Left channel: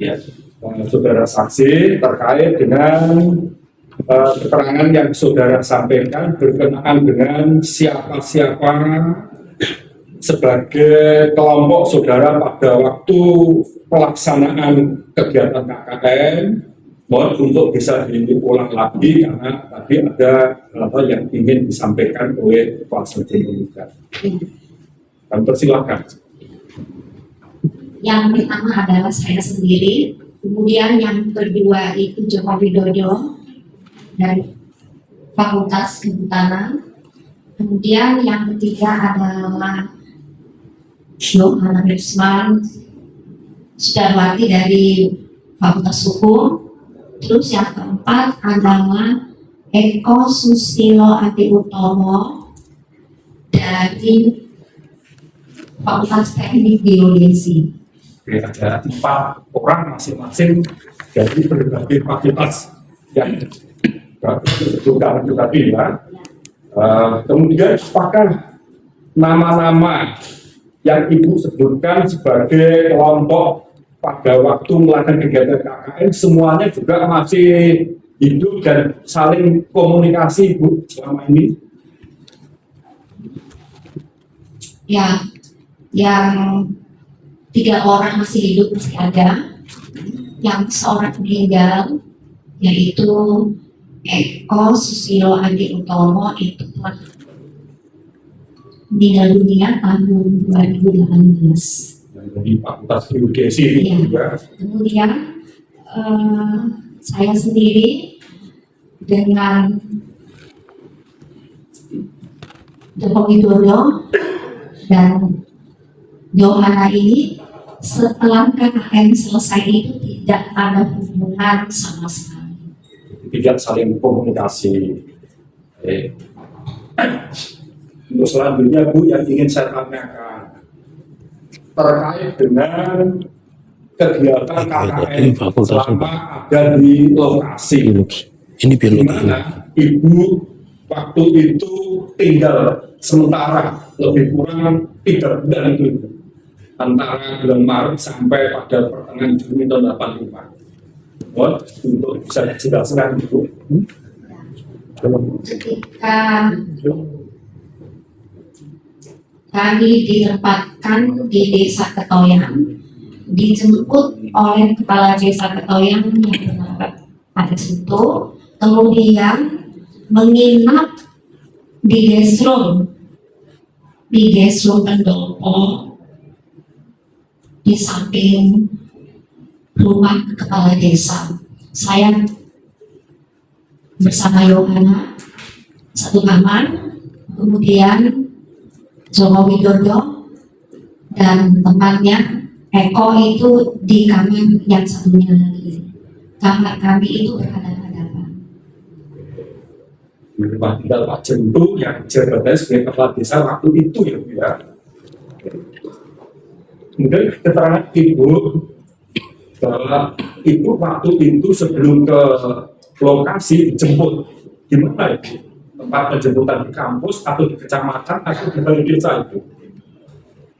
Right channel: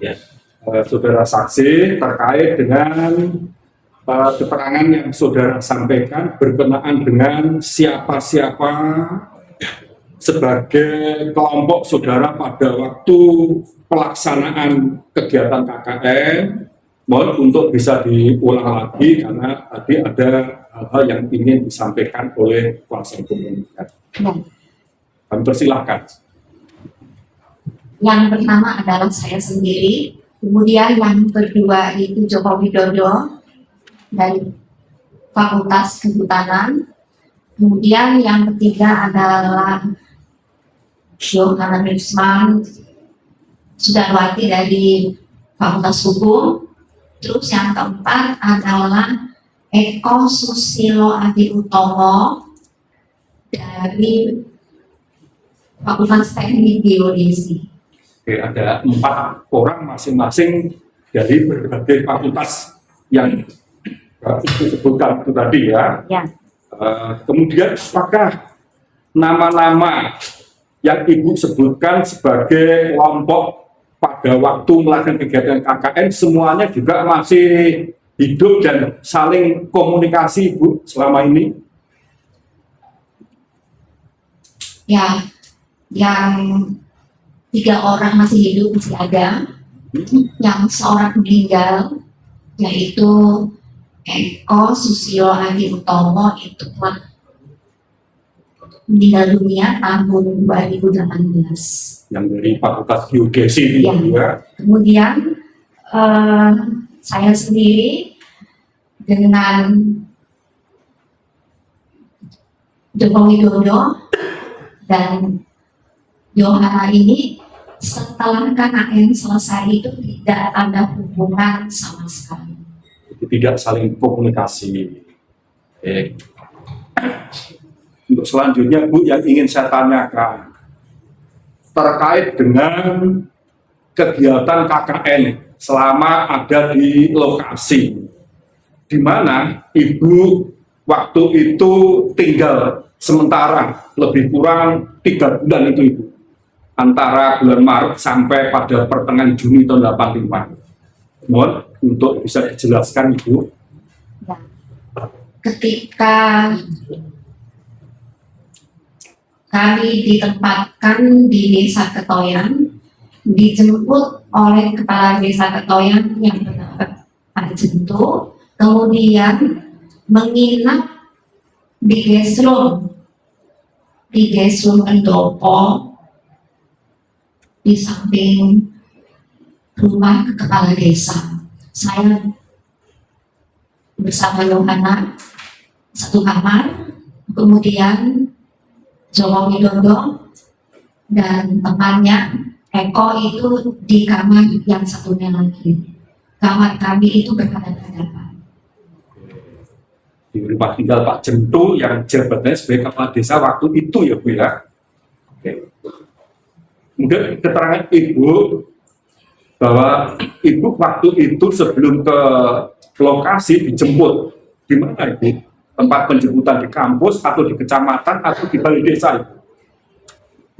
Ya, saudara saksi terkait dengan keterangan yang saudara sampaikan berkenaan dengan siapa-siapa sebagai kelompok saudara pada waktu pelaksanaan kegiatan KKN. Mohon untuk bisa diulang lagi karena tadi ada hal yang ingin disampaikan oleh kuasa hukum juga. Ya. Kami persilahkan. Yang pertama adalah saya sendiri, kemudian yang kedua itu Joko Widodo dari Fakultas Kehutanan, kemudian yang ketiga adalah Yohana Nusman Sudarwati dari Fakultas Hukum, terus yang keempat adalah Eko Susilo Adi Utomo dari Fakultas Teknik Geodesi. Oke, ada 4 orang masing-masing dari berbagai fakultas yang disebutkan itu tadi ya. Ya. Kemudian apakah nama-nama yang Ibu sebutkan sebagai kelompok pada waktu melakukan kegiatan KKN semuanya juga masih hidup dan saling komunikasi Ibu selama ini? Ya, yang 3 orang masih hidup masih ada, yang seorang meninggal yaitu Eko Susilo Adi Utomo itu telah meninggal dunia tahun 2018. Yang dari Fakultas Geodesi itu Ya. juga. Kemudian saya sendiri dengan Joko Widodo dan Yohana ini setelah KKN selesai itu tidak ada hubungan sama sekali. Tidak saling komunikasi. Untuk selanjutnya Bu yang ingin saya tanyakan terkait dengan kegiatan KKN selama ada di lokasi di mana Ibu waktu itu tinggal sementara lebih kurang 3 bulan itu Ibu, antara bulan Maret sampai pada pertengahan Juni tahun 85. Mohon untuk bisa dijelaskan Ibu. Ketika kami ditempatkan di Desa Ketoyang, dijemput oleh Kepala Desa Ketoyang yang bernama Pak Jento, kemudian menginap di Gesrum Pendopo di samping rumah Kepala Desa. Saya bersama Yohana satu kamar, kemudian Joko Widodo dan temannya Eko itu di kamar yang satunya lagi. Kamar kami itu berhadapan-hadapan. Di rumah tinggal Pak Jento yang jabatannya sebagai Kepala Desa waktu itu ya Bu ya. Oke. Kemudian keterangan Ibu bahwa Ibu waktu itu sebelum ke lokasi dijemput di mana Ibu? Tempat penjemputan di kampus atau di kecamatan atau di balai desa itu?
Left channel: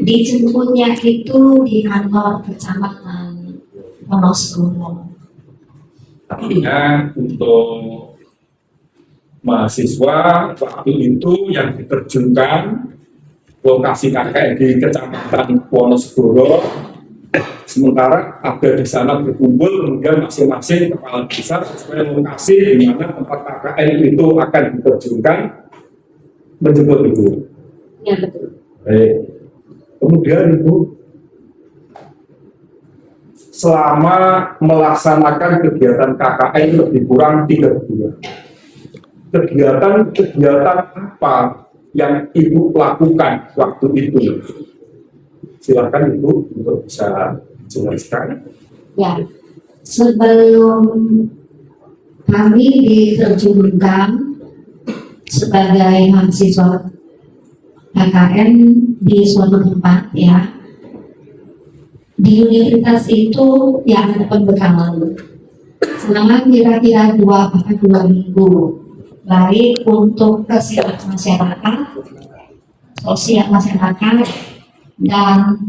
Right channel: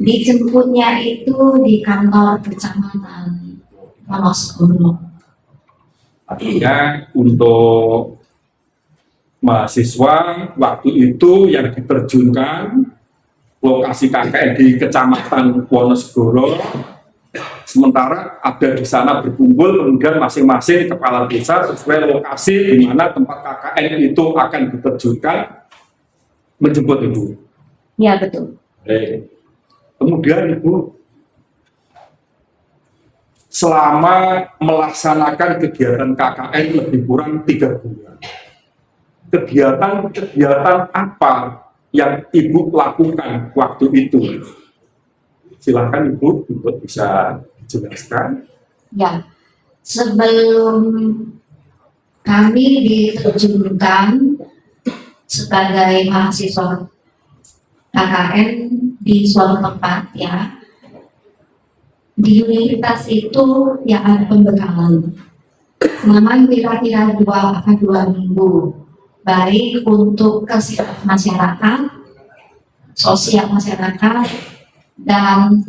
Dijemputnya itu di kantor kecamatan Wonosegoro. Artinya untuk mahasiswa waktu itu yang diterjunkan lokasi KKN di kecamatan Wonosegoro, sementara ada di sana berkumpul, kemudian masing-masing kepala desa sesuai lokasi di mana tempat KKN itu akan diterjunkan menjemput Ibu. Ya betul. Kemudian Ibu selama melaksanakan kegiatan KKN lebih kurang 3 bulan, kegiatan apa yang Ibu lakukan waktu itu? Silakan Ibu untuk bisa jelaskan. Ya, sebelum kami diterjunkan sebagai mahasiswa KKN di suatu tempat ya, di universitas itu ya ada pembekalan selama kira-kira 2 minggu, baik untuk kesehatan masyarakat, sosial masyarakat, dan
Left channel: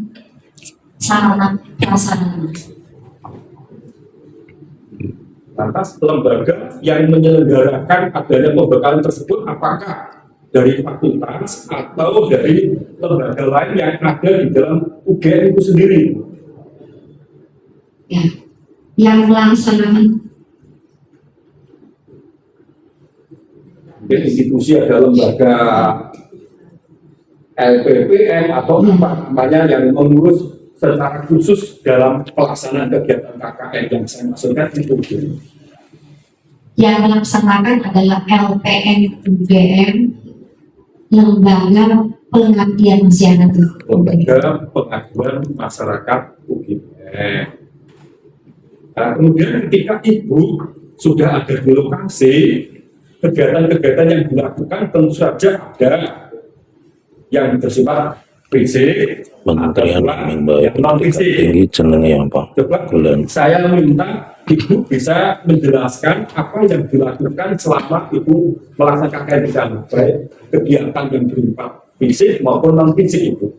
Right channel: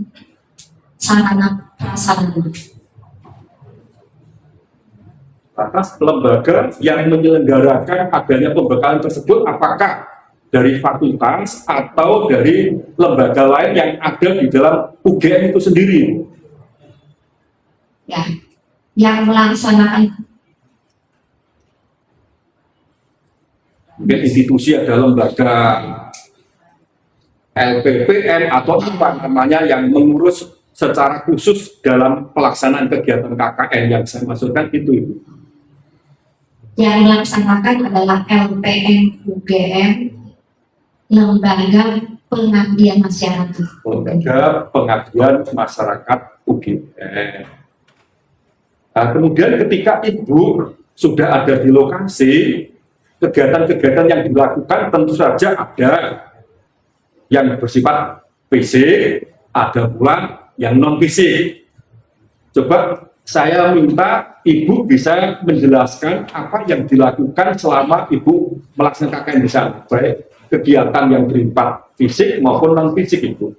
sarana prasarana. Lantas lembaga yang menyelenggarakan adanya pembekalan tersebut apakah dari fakultas atau dari lembaga lain yang ada di dalam UGM itu sendiri? Ya, yang melaksanakan Mungkin institusi ada lembaga LPPM atau apa namanya yang mengurus secara khusus dalam pelaksanaan kegiatan KKN yang saya maksudkan itu. yang melaksanakan adalah LPM UGM, Lembaga Pengabdian Masyarakat. Lembaga Pengabdian Masyarakat UGM. Nah, kemudian ketika Ibu sudah ada di lokasi, kegiatan-kegiatan yang dilakukan tentu saja ada yang bersifat fisik, ada pula yang non fisik. Coba saya minta Ibu bisa menjelaskan apa yang dilakukan selama Ibu melaksanakan KKN di sana, baik kegiatan yang bersifat fisik maupun non fisik Ibu.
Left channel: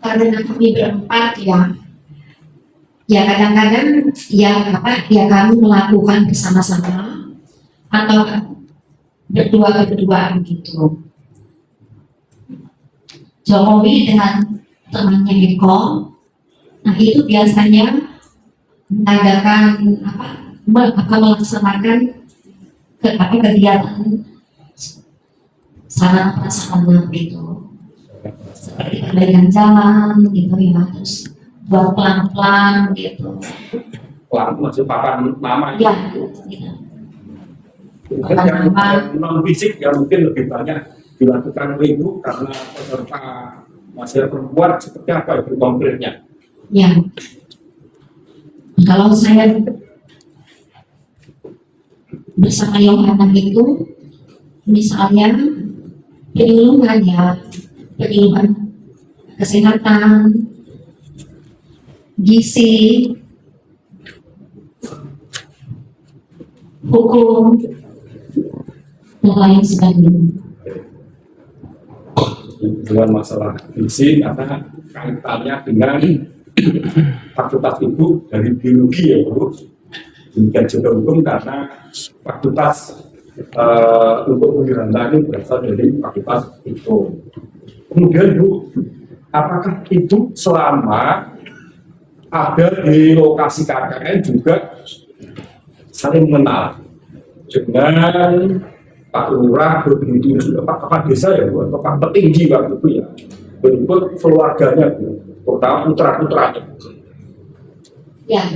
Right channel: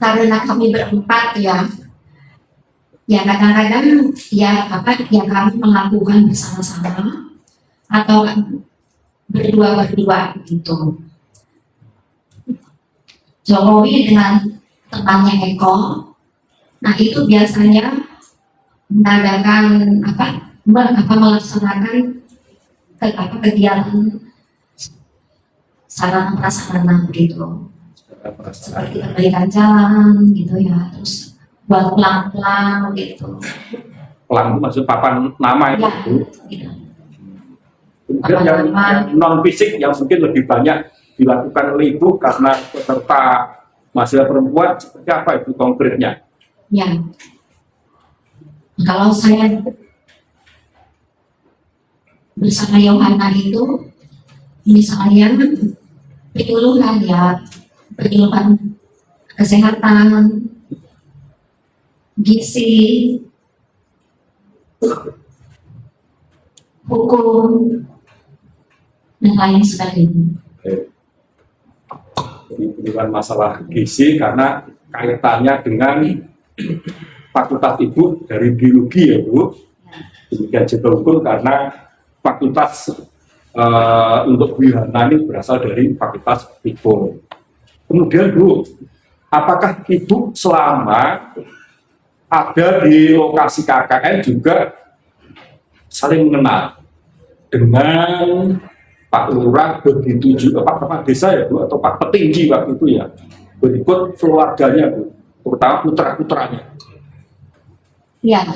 Karena kami berempat ya kadang-kadang ya kami melakukan bersama-sama atau berdua begitu. Jokowi dengan temannya Eko, nah itu biasanya mengadakan melaksanakan kegiatan sarana prasarana begitu, seperti perbaikan jalan gitu ya, terus buat pelang-pelang gitu. Pelang maksud papan nama itu. Ya, gitu. Kemudian yang non fisik yang mungkin lebih banyak dilakukan oleh Ibu karena peserta mahasiswa perempuan seperti apa Ibu konkretnya? Ya, kalau saya bersama Yohana itu misalnya penyuluhan kesehatan, gizi, hukum, dan lain sebagainya. Dengan masalah gizi karena kaitannya dengan fakultas Ibu dari biologi ya Bu. Demikian juga hukum karena fakultas untuk Yohana ini berasal dari fakultas Ibu. Kemudian Bu, apakah Ibu selama ada di lokasi KKN juga saling mengenal dengan Pak Lurah, begitu juga Pak Kepala Desa ya Bu, atau Pak Petinggi waktu itu ya, berikut keluarganya Bu, terutama putra-putranya? Ya,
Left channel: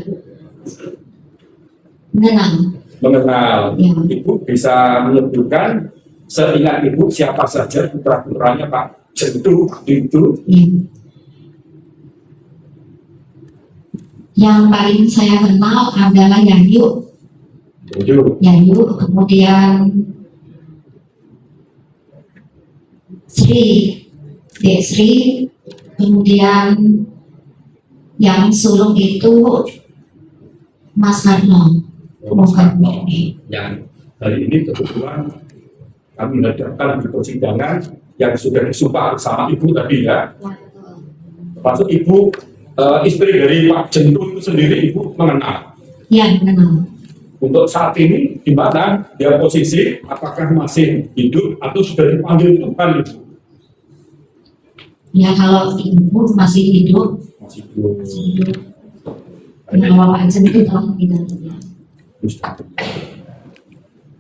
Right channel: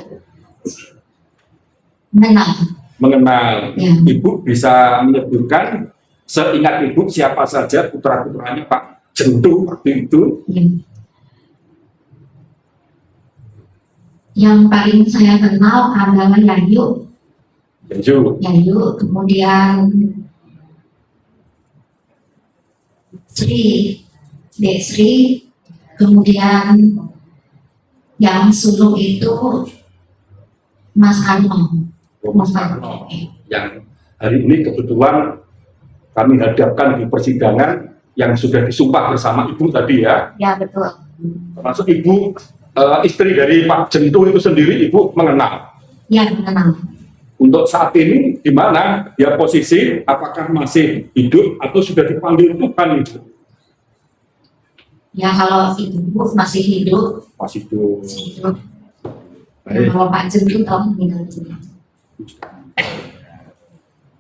mengenal. Ya. Ibu bisa menyebutkan seingat Ibu siapa saja putra-putranya Pak Jentu waktu itu? Ya. Yang paling saya kenal adalah Yayu, kemudian Dek Sri, kemudian yang sulung itu Mas Karno. Yang hari ini kebetulan kami hadapkan di persidangan yang sudah disumpah bersama Ibu tadi ya. Ya betul. Termasuk Ibu istri dari Pak Jentu itu sendiri Ibu mengenal. Ya mengenal. Untuk saat ini di mana dia posisi, apakah masih hidup atau sudah dipanggil Tuhan Ibu? Ya kalau Ibu masih hidup. Masih hidup. Kalau Pak Jentu tahu meninggal.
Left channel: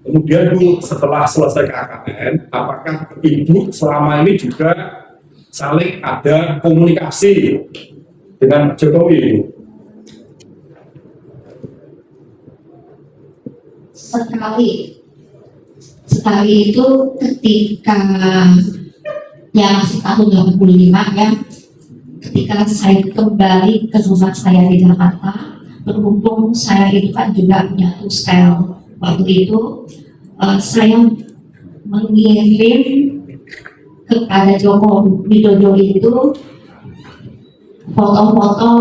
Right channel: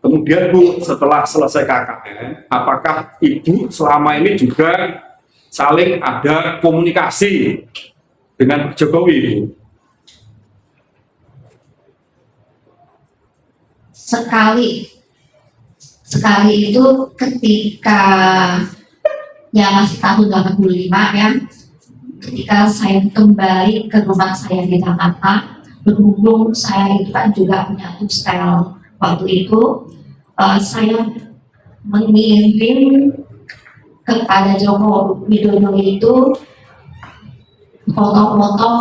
Kemudian Bu, setelah selesai KKN, apakah Ibu selama ini juga saling ada komunikasi dengan Jokowi, Ibu? Sekali itu ketika ya masih tahun 85 ya, ketika saya kembali ke rumah saya di Jakarta, berhubung saya itu kan juga punya hostel waktu itu, saya mengirim kepada Joko Widodo itu foto-foto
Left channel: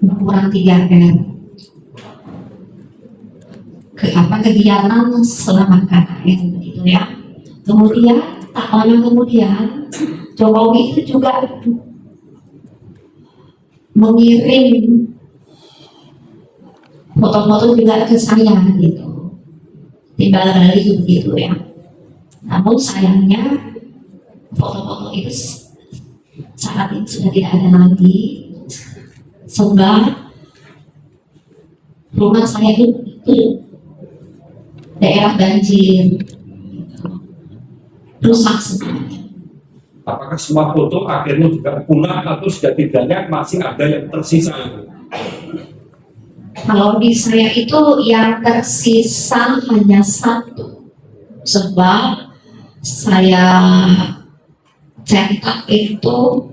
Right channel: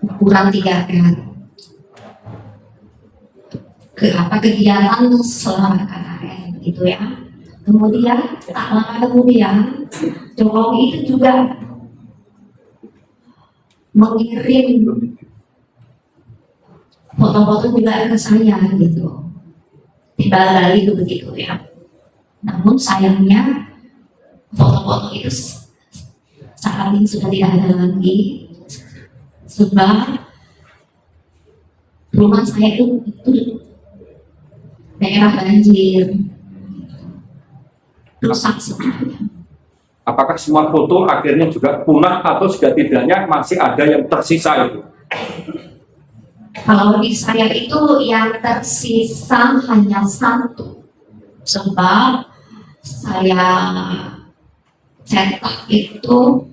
ukuran 3R kegiatan selama KKN begitu ya. Kemudian tak lama kemudian Jokowi itu juga mengirim foto-foto juga ke saya gitu, timbal balik begitu ya. Namun sayangnya foto-foto itu saat ini sudah tidak ada lagi, sebab rumah saya itu daerah banjir, rusak semuanya. Apakah semua foto akhirnya juga punah atau setidaknya masih ada yang tersisa itu? Kalau di saya itu yang tersisa hanya satu, sebab saya cetak itu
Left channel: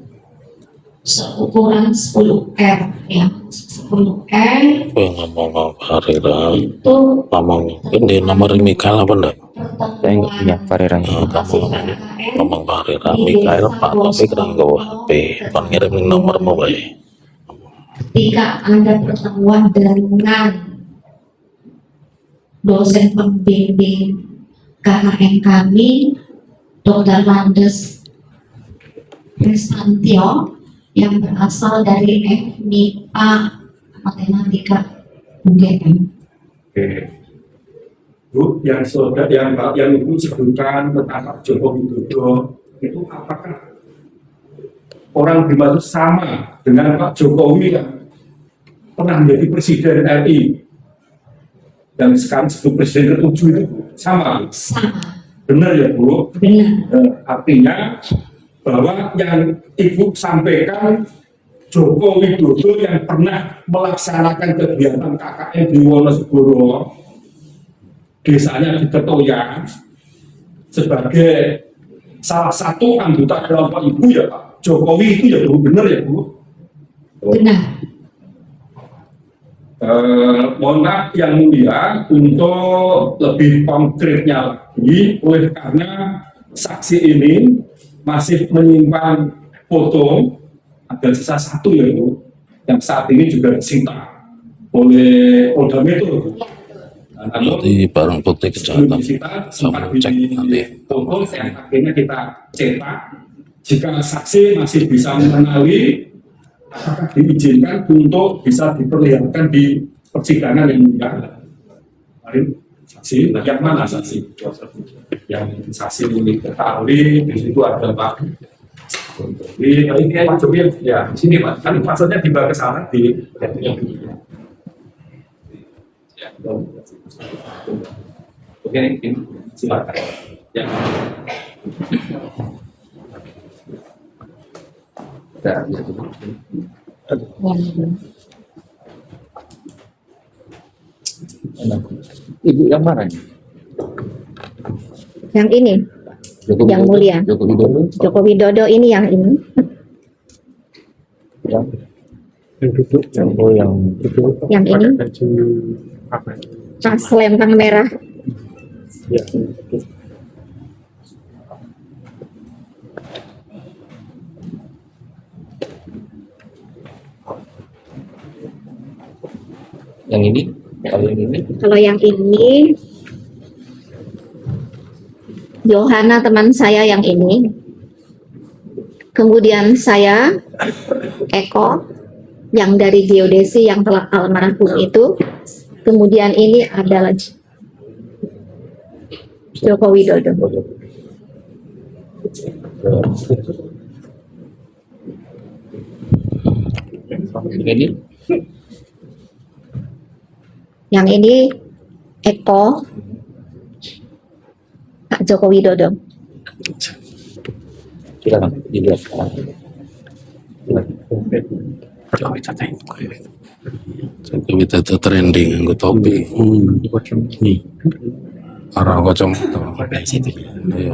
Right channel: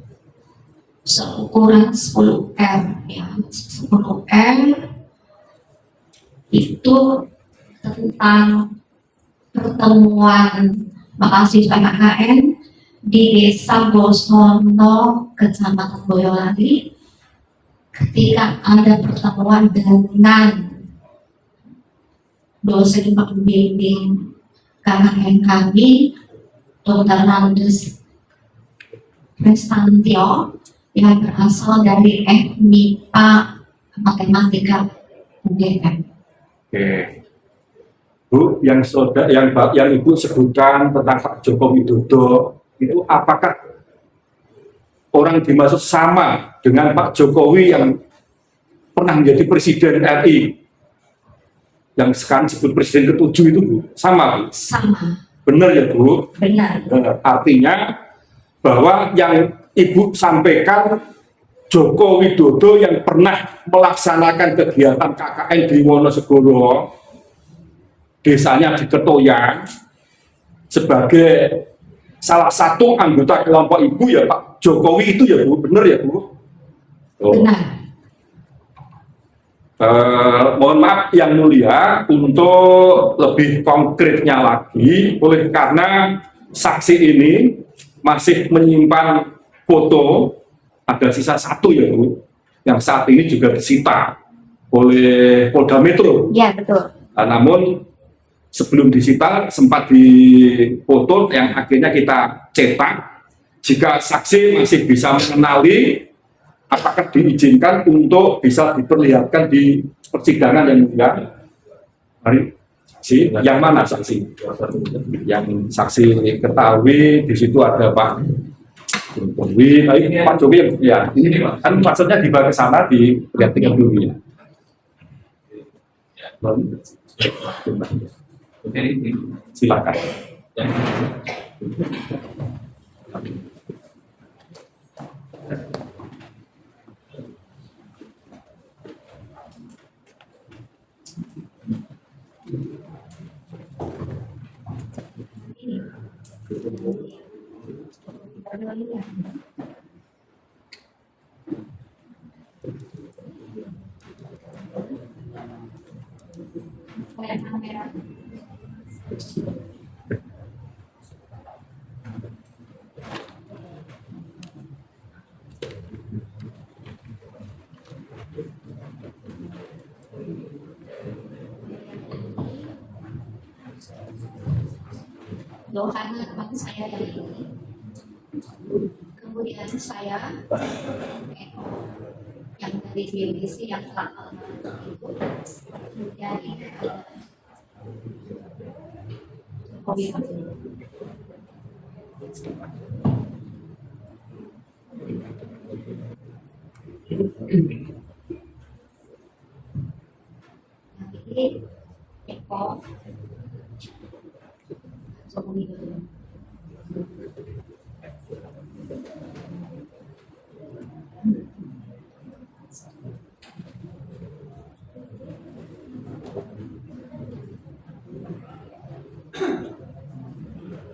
seukuran 10R ya, 10R ngomong hari itu ngomong ini nomor Mikael apa enggak? pertemuan mahasiswa KKN Ngomong hari di Mikael desa Pak Bosmono, pengirim Kecamatan nomor Boyolali. mobile. Ketika ada pertemuan dengan dosen pembimbing KKN kami, Dr. Landes Prestantio, yang berasal dari MIPA Matematika UGM. Oke. Bu, yang Ibu sebutkan tentang Pak Joko Widodo itu apakah orang dimaksud sama dengan Pak Jokowi yang pernah menjadi Presiden RI yang sekarang disebut Presiden ke-7 itu, Bu? Sama, Bu? Sama. Benar ya, Bu? Benar. Artinya bahwa yang Ibu sampaikan Joko Widodo yang pernah melaksanakan kegiatan KKN di Wonosegoro, desanya di Ketoyan, sebagai salah satu anggota kelompok Ibu ya Pak Jokowi itu ya, Bu? Benar ya, Bu? Benar. Mohon maaf yang mulia, untuk lebih konkretnya lagi, oleh karena saksi ini masih menyimpan foto, ada sisa satu ya, Bu, yang saat ini juga disita oleh Polda Metro. Ya, betul. Namun Di barang bukti sebelum kejahatan. disita sempat dipoto yang akhirnya kita cetak. Jika saksi masih bisa mengenali, apakah diizinkan untuk bisa diperlihatkan di persidangan yang mulia? Mari, saksi, yang mana saksi? Yang saksi ketahui di situ ada Pak Jokowi, Pak Jokowi ya, di sini Pak. Kan maksudnya dibawa ke sana dilihat dulu ya. Oke, silakan. Ya. Ibu yang mana? Yang ini, Joko yang Widodo? mulia. Joko Widodo. Joko Widodo ini yang ini. Joko yang Yang ini. Tas lempang merah. yang ini, kalau yang ini Kalau yang ini, Yohana teman saya yang ini. Kemudian saya, Eko, yang dari geodesi yang telah almarhum itu. Kemudian ini adalah Joko Widodo. ini Yang ini Eko, Pak Joko Widodo. silakan dilihat. Jokowi itu trending nggo topi. Arah kacamata. Iya.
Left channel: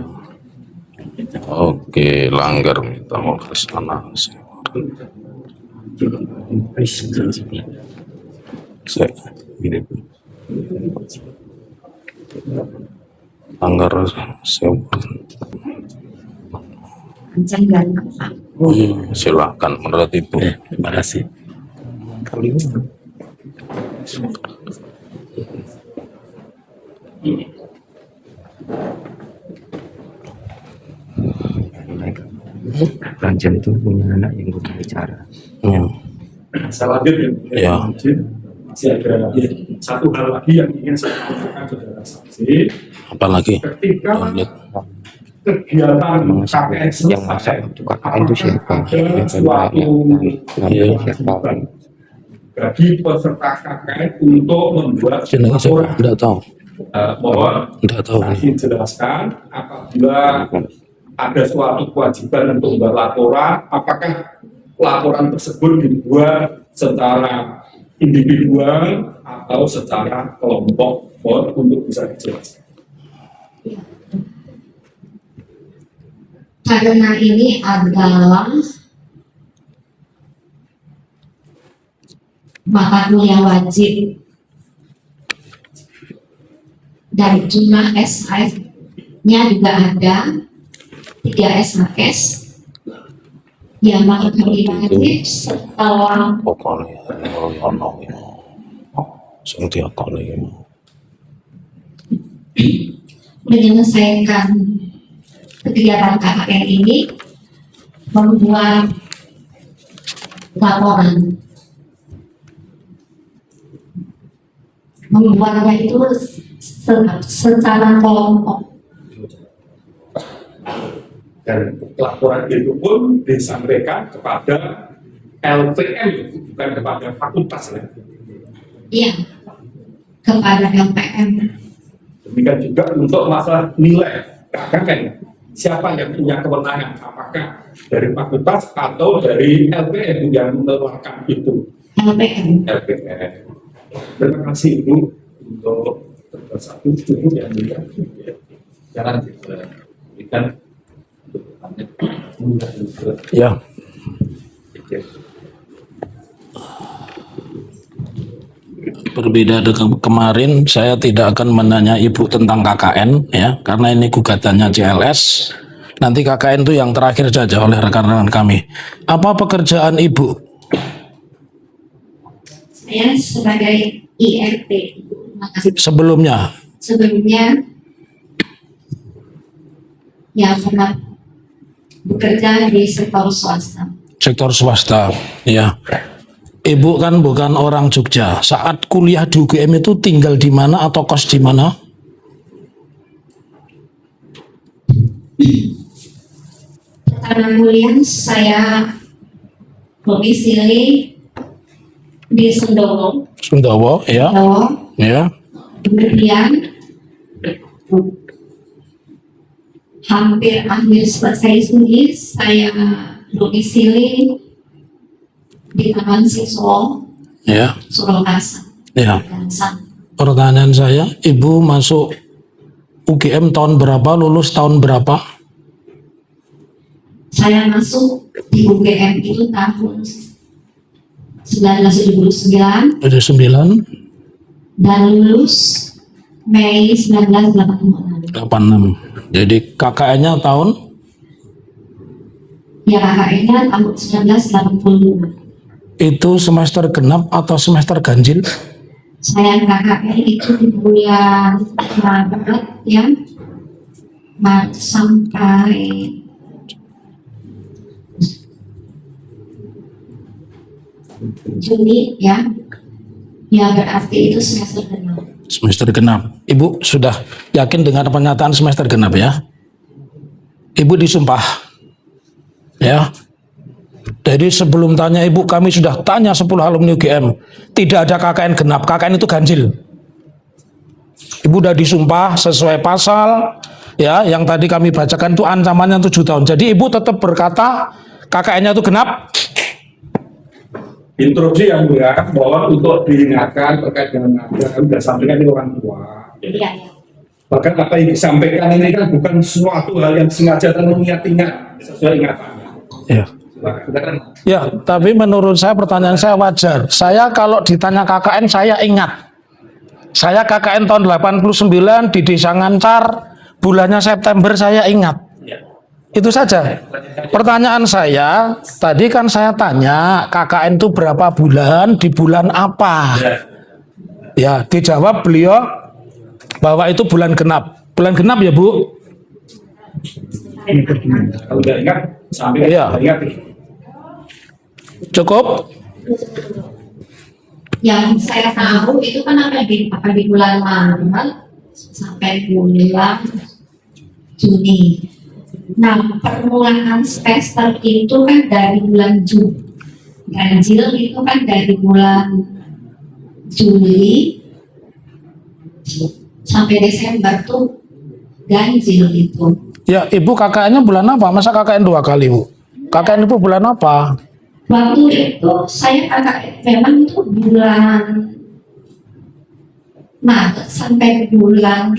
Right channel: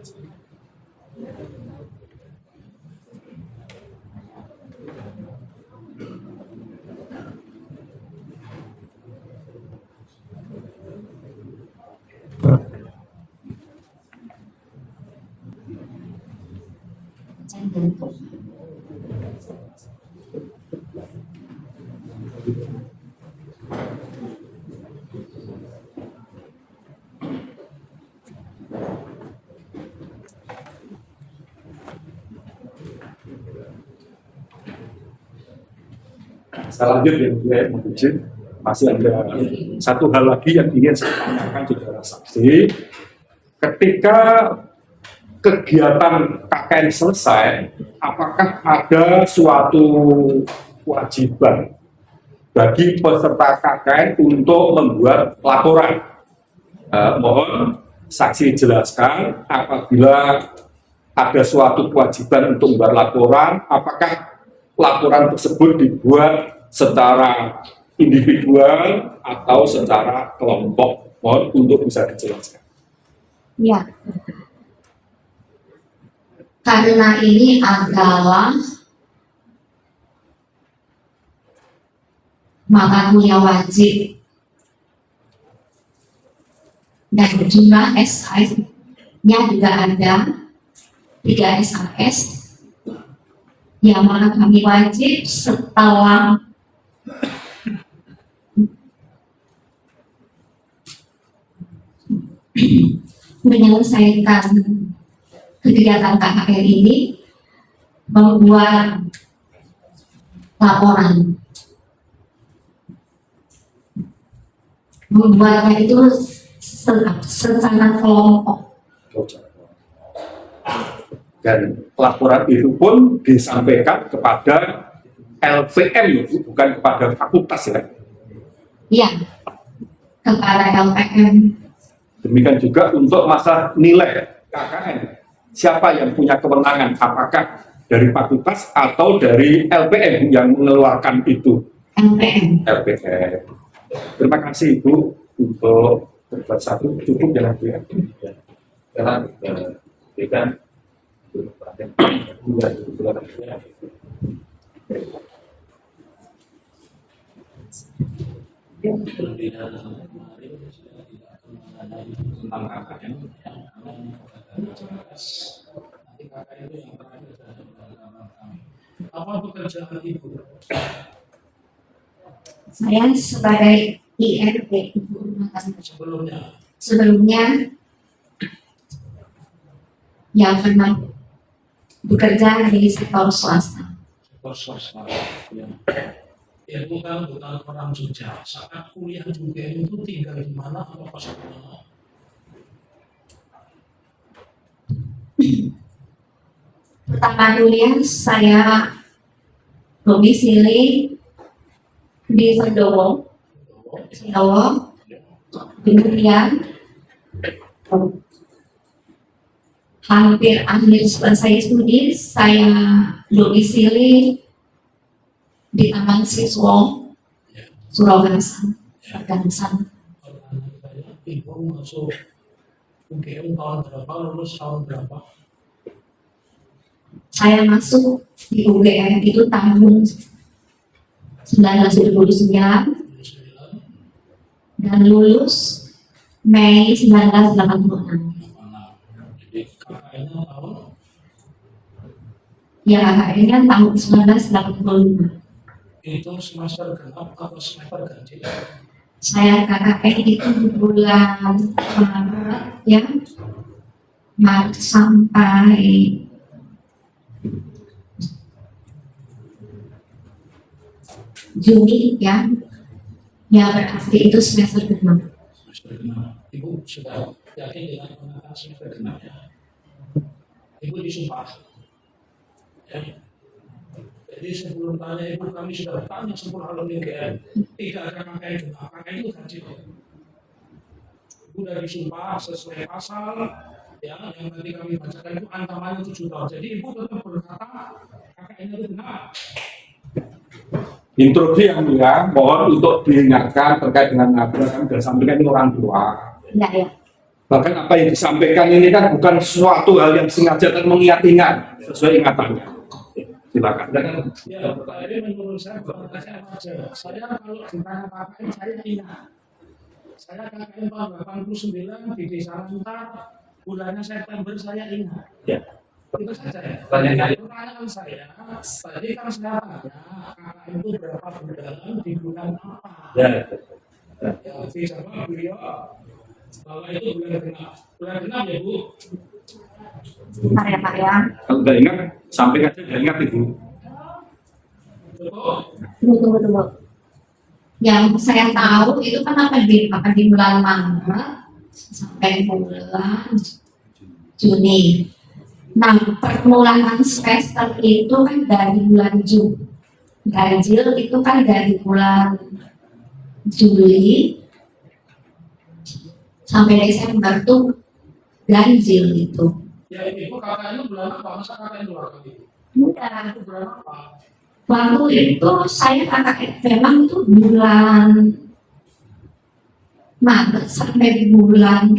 Oke, langgar minta mau ke sana. Saya ini langgar saya. Jangan Pak. Silakan menurut Ibu. Terima kasih. Kali ini Ranjan itu punya anak yang bisa bicara. Hmm. Saya lanjut ya. Ya. masih ada satu hal lagi yang ingin saya tanyakan saudara saksi. Apalagi Ketika kegiatan KKN selesai, apakah ada suatu kewajiban bagi peserta KKN untuk membuat laporan? tidak tahu. Mohon Tidak tahu. saksi jelaskan apabila ada suatu kewajiban untuk membuat laporan, apakah laporan tersebut dibuat secara individual atau secara kelompok? Mohon untuk bisa dijelaskan. Ya. Karena ini adalah mata kuliah wajib dan jumlah SKS-nya juga ada 3 SKS yang maka kami wajib setelah Pokoknya ono sing diakoni menyelesaikan kegiatan KKN ini membuat laporan, membuatnya itu secara kelompok. Dan laporan itu pun disampaikan kepada LPM, bukan kepada fakultas ya. Iya, kepada LPM. Demikian juga untuk masalah nilai KKN, siapa yang punya kewenangan, apakah dari fakultas atau dari LPM yang mengeluarkan itu? LPM. LPM. Terima kasih Ibu untuk berbuat satu, cukup jalan dia. Jalan berikan untuk bertanya. ya. Berbeda dengan kemarin, saya tidak akan menanya Ibu tentang KKN ya, karena ini gugatannya CLS. Nanti KKN itu yang terakhir saja oleh rekan-rekan kami. Apa pekerjaan Ibu? Saya sebagai IRT, terima kasih. Sebelumnya, Sebelumnya, ya pernah bekerja di sektor swasta. sektor swasta, ya. Ibu kan bukan orang Jogja. Saat kuliah di UGM itu tinggal di mana atau kos di mana? Pertama kuliah saya domisili di Sendowo, Sundawa, ya. Ya. Kemudian hampir akhir selesai studi saya domisili di Taman Siswa Ya. Surakarta, Ya. Gansang. Pertanyaan saya, Ibu masuk UGM tahun berapa, lulus tahun berapa? Saya masuk di UGM itu tahun 1979 Ada 9, dan lulus Mei 1986. 86. Jadi KKN-nya tahun? Ya KKN-nya tahun 1985. Itu semester genap atau semester ganjil? Saya KKN itu di bulan Maret ya, Maret sampai Juni ya, ya berarti itu semester genap. Semester genap. Ibu sudah yakin dengan pernyataan semester genap ya? Ibu disumpah. Ya. Jadi sebelum tanya Ibu, kami sudah tanya 10 alumni UGM. Tidak ada KKN genap, KKN itu ganjil. Ibu sudah disumpah sesuai pasal ya, yang tadi kami bacakan itu ancamannya 7 tahun. Jadi Ibu tetap berkata KKN-nya itu genap. Instruksi yang mulia, mohon untuk diingatkan terkait dengan apa yang sudah sampaikan ini orang tua. Iya ya. Bahkan apa yang disampaikan ini kan bukan suatu hal yang sengaja dan mengingat-ingat sesuai ingatannya. Ya. Silakan. Ya, tapi menurut saya pertanyaan saya wajar. Saya kalau ditanya KKN saya ingat. Saya KKN tahun 89 di Desa Ngancar, bulannya September saya ingat. Ya. Itu saja. Pertanyaan saya, tadi kan saya tanya KKN itu berapa bulan, di bulan apa? Ya, dijawab beliau bahwa itu bulan genap. Bulan genap ya Bu? Bentar ya Pak ya. Kalau udah ingat, sampaikan. Iya. Ingat itu. Cukup? Tunggu. Yang saya tahu itu kan apa di bulan Maret sampai bulan Juni. Nah, permulaan semester itu kan dari bulan Juni. Ganjil itu kan dari bulan Juli sampai Desember tuh ganjil itu. Ya, Ibu KKN-nya bulan apa? Masa KKN 2 kali, Bu? KKN Ibu bulan apa? Waktu itu saya KKN memang itu bulan Maret sampai bulan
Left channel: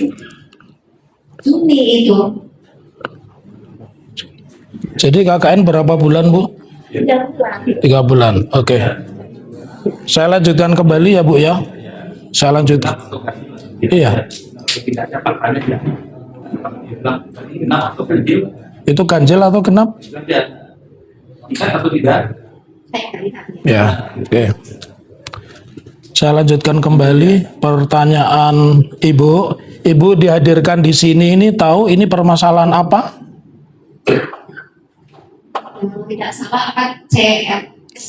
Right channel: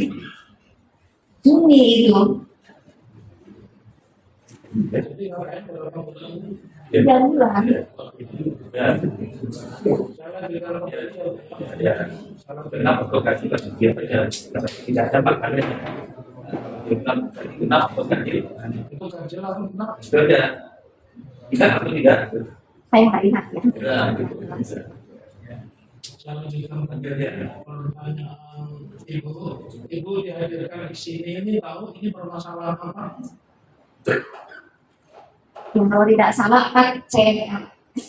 Juni itu. Jadi KKN berapa bulan, Bu? 3 bulan. 3 bulan. Oke. Saya lanjutkan kembali ya, Bu ya. Saya lanjutkan. Iya. Tidak ada pakannya ya. Genap atau ganjil? Itu ganjil atau genap? Tidak atau tidak? Saya nggak ingat ya. Ya. Oke. Saya lanjutkan kembali pertanyaan Ibu. Ibu dihadirkan di sini ini tahu ini permasalahan apa? Kalau tidak salah apa CLS.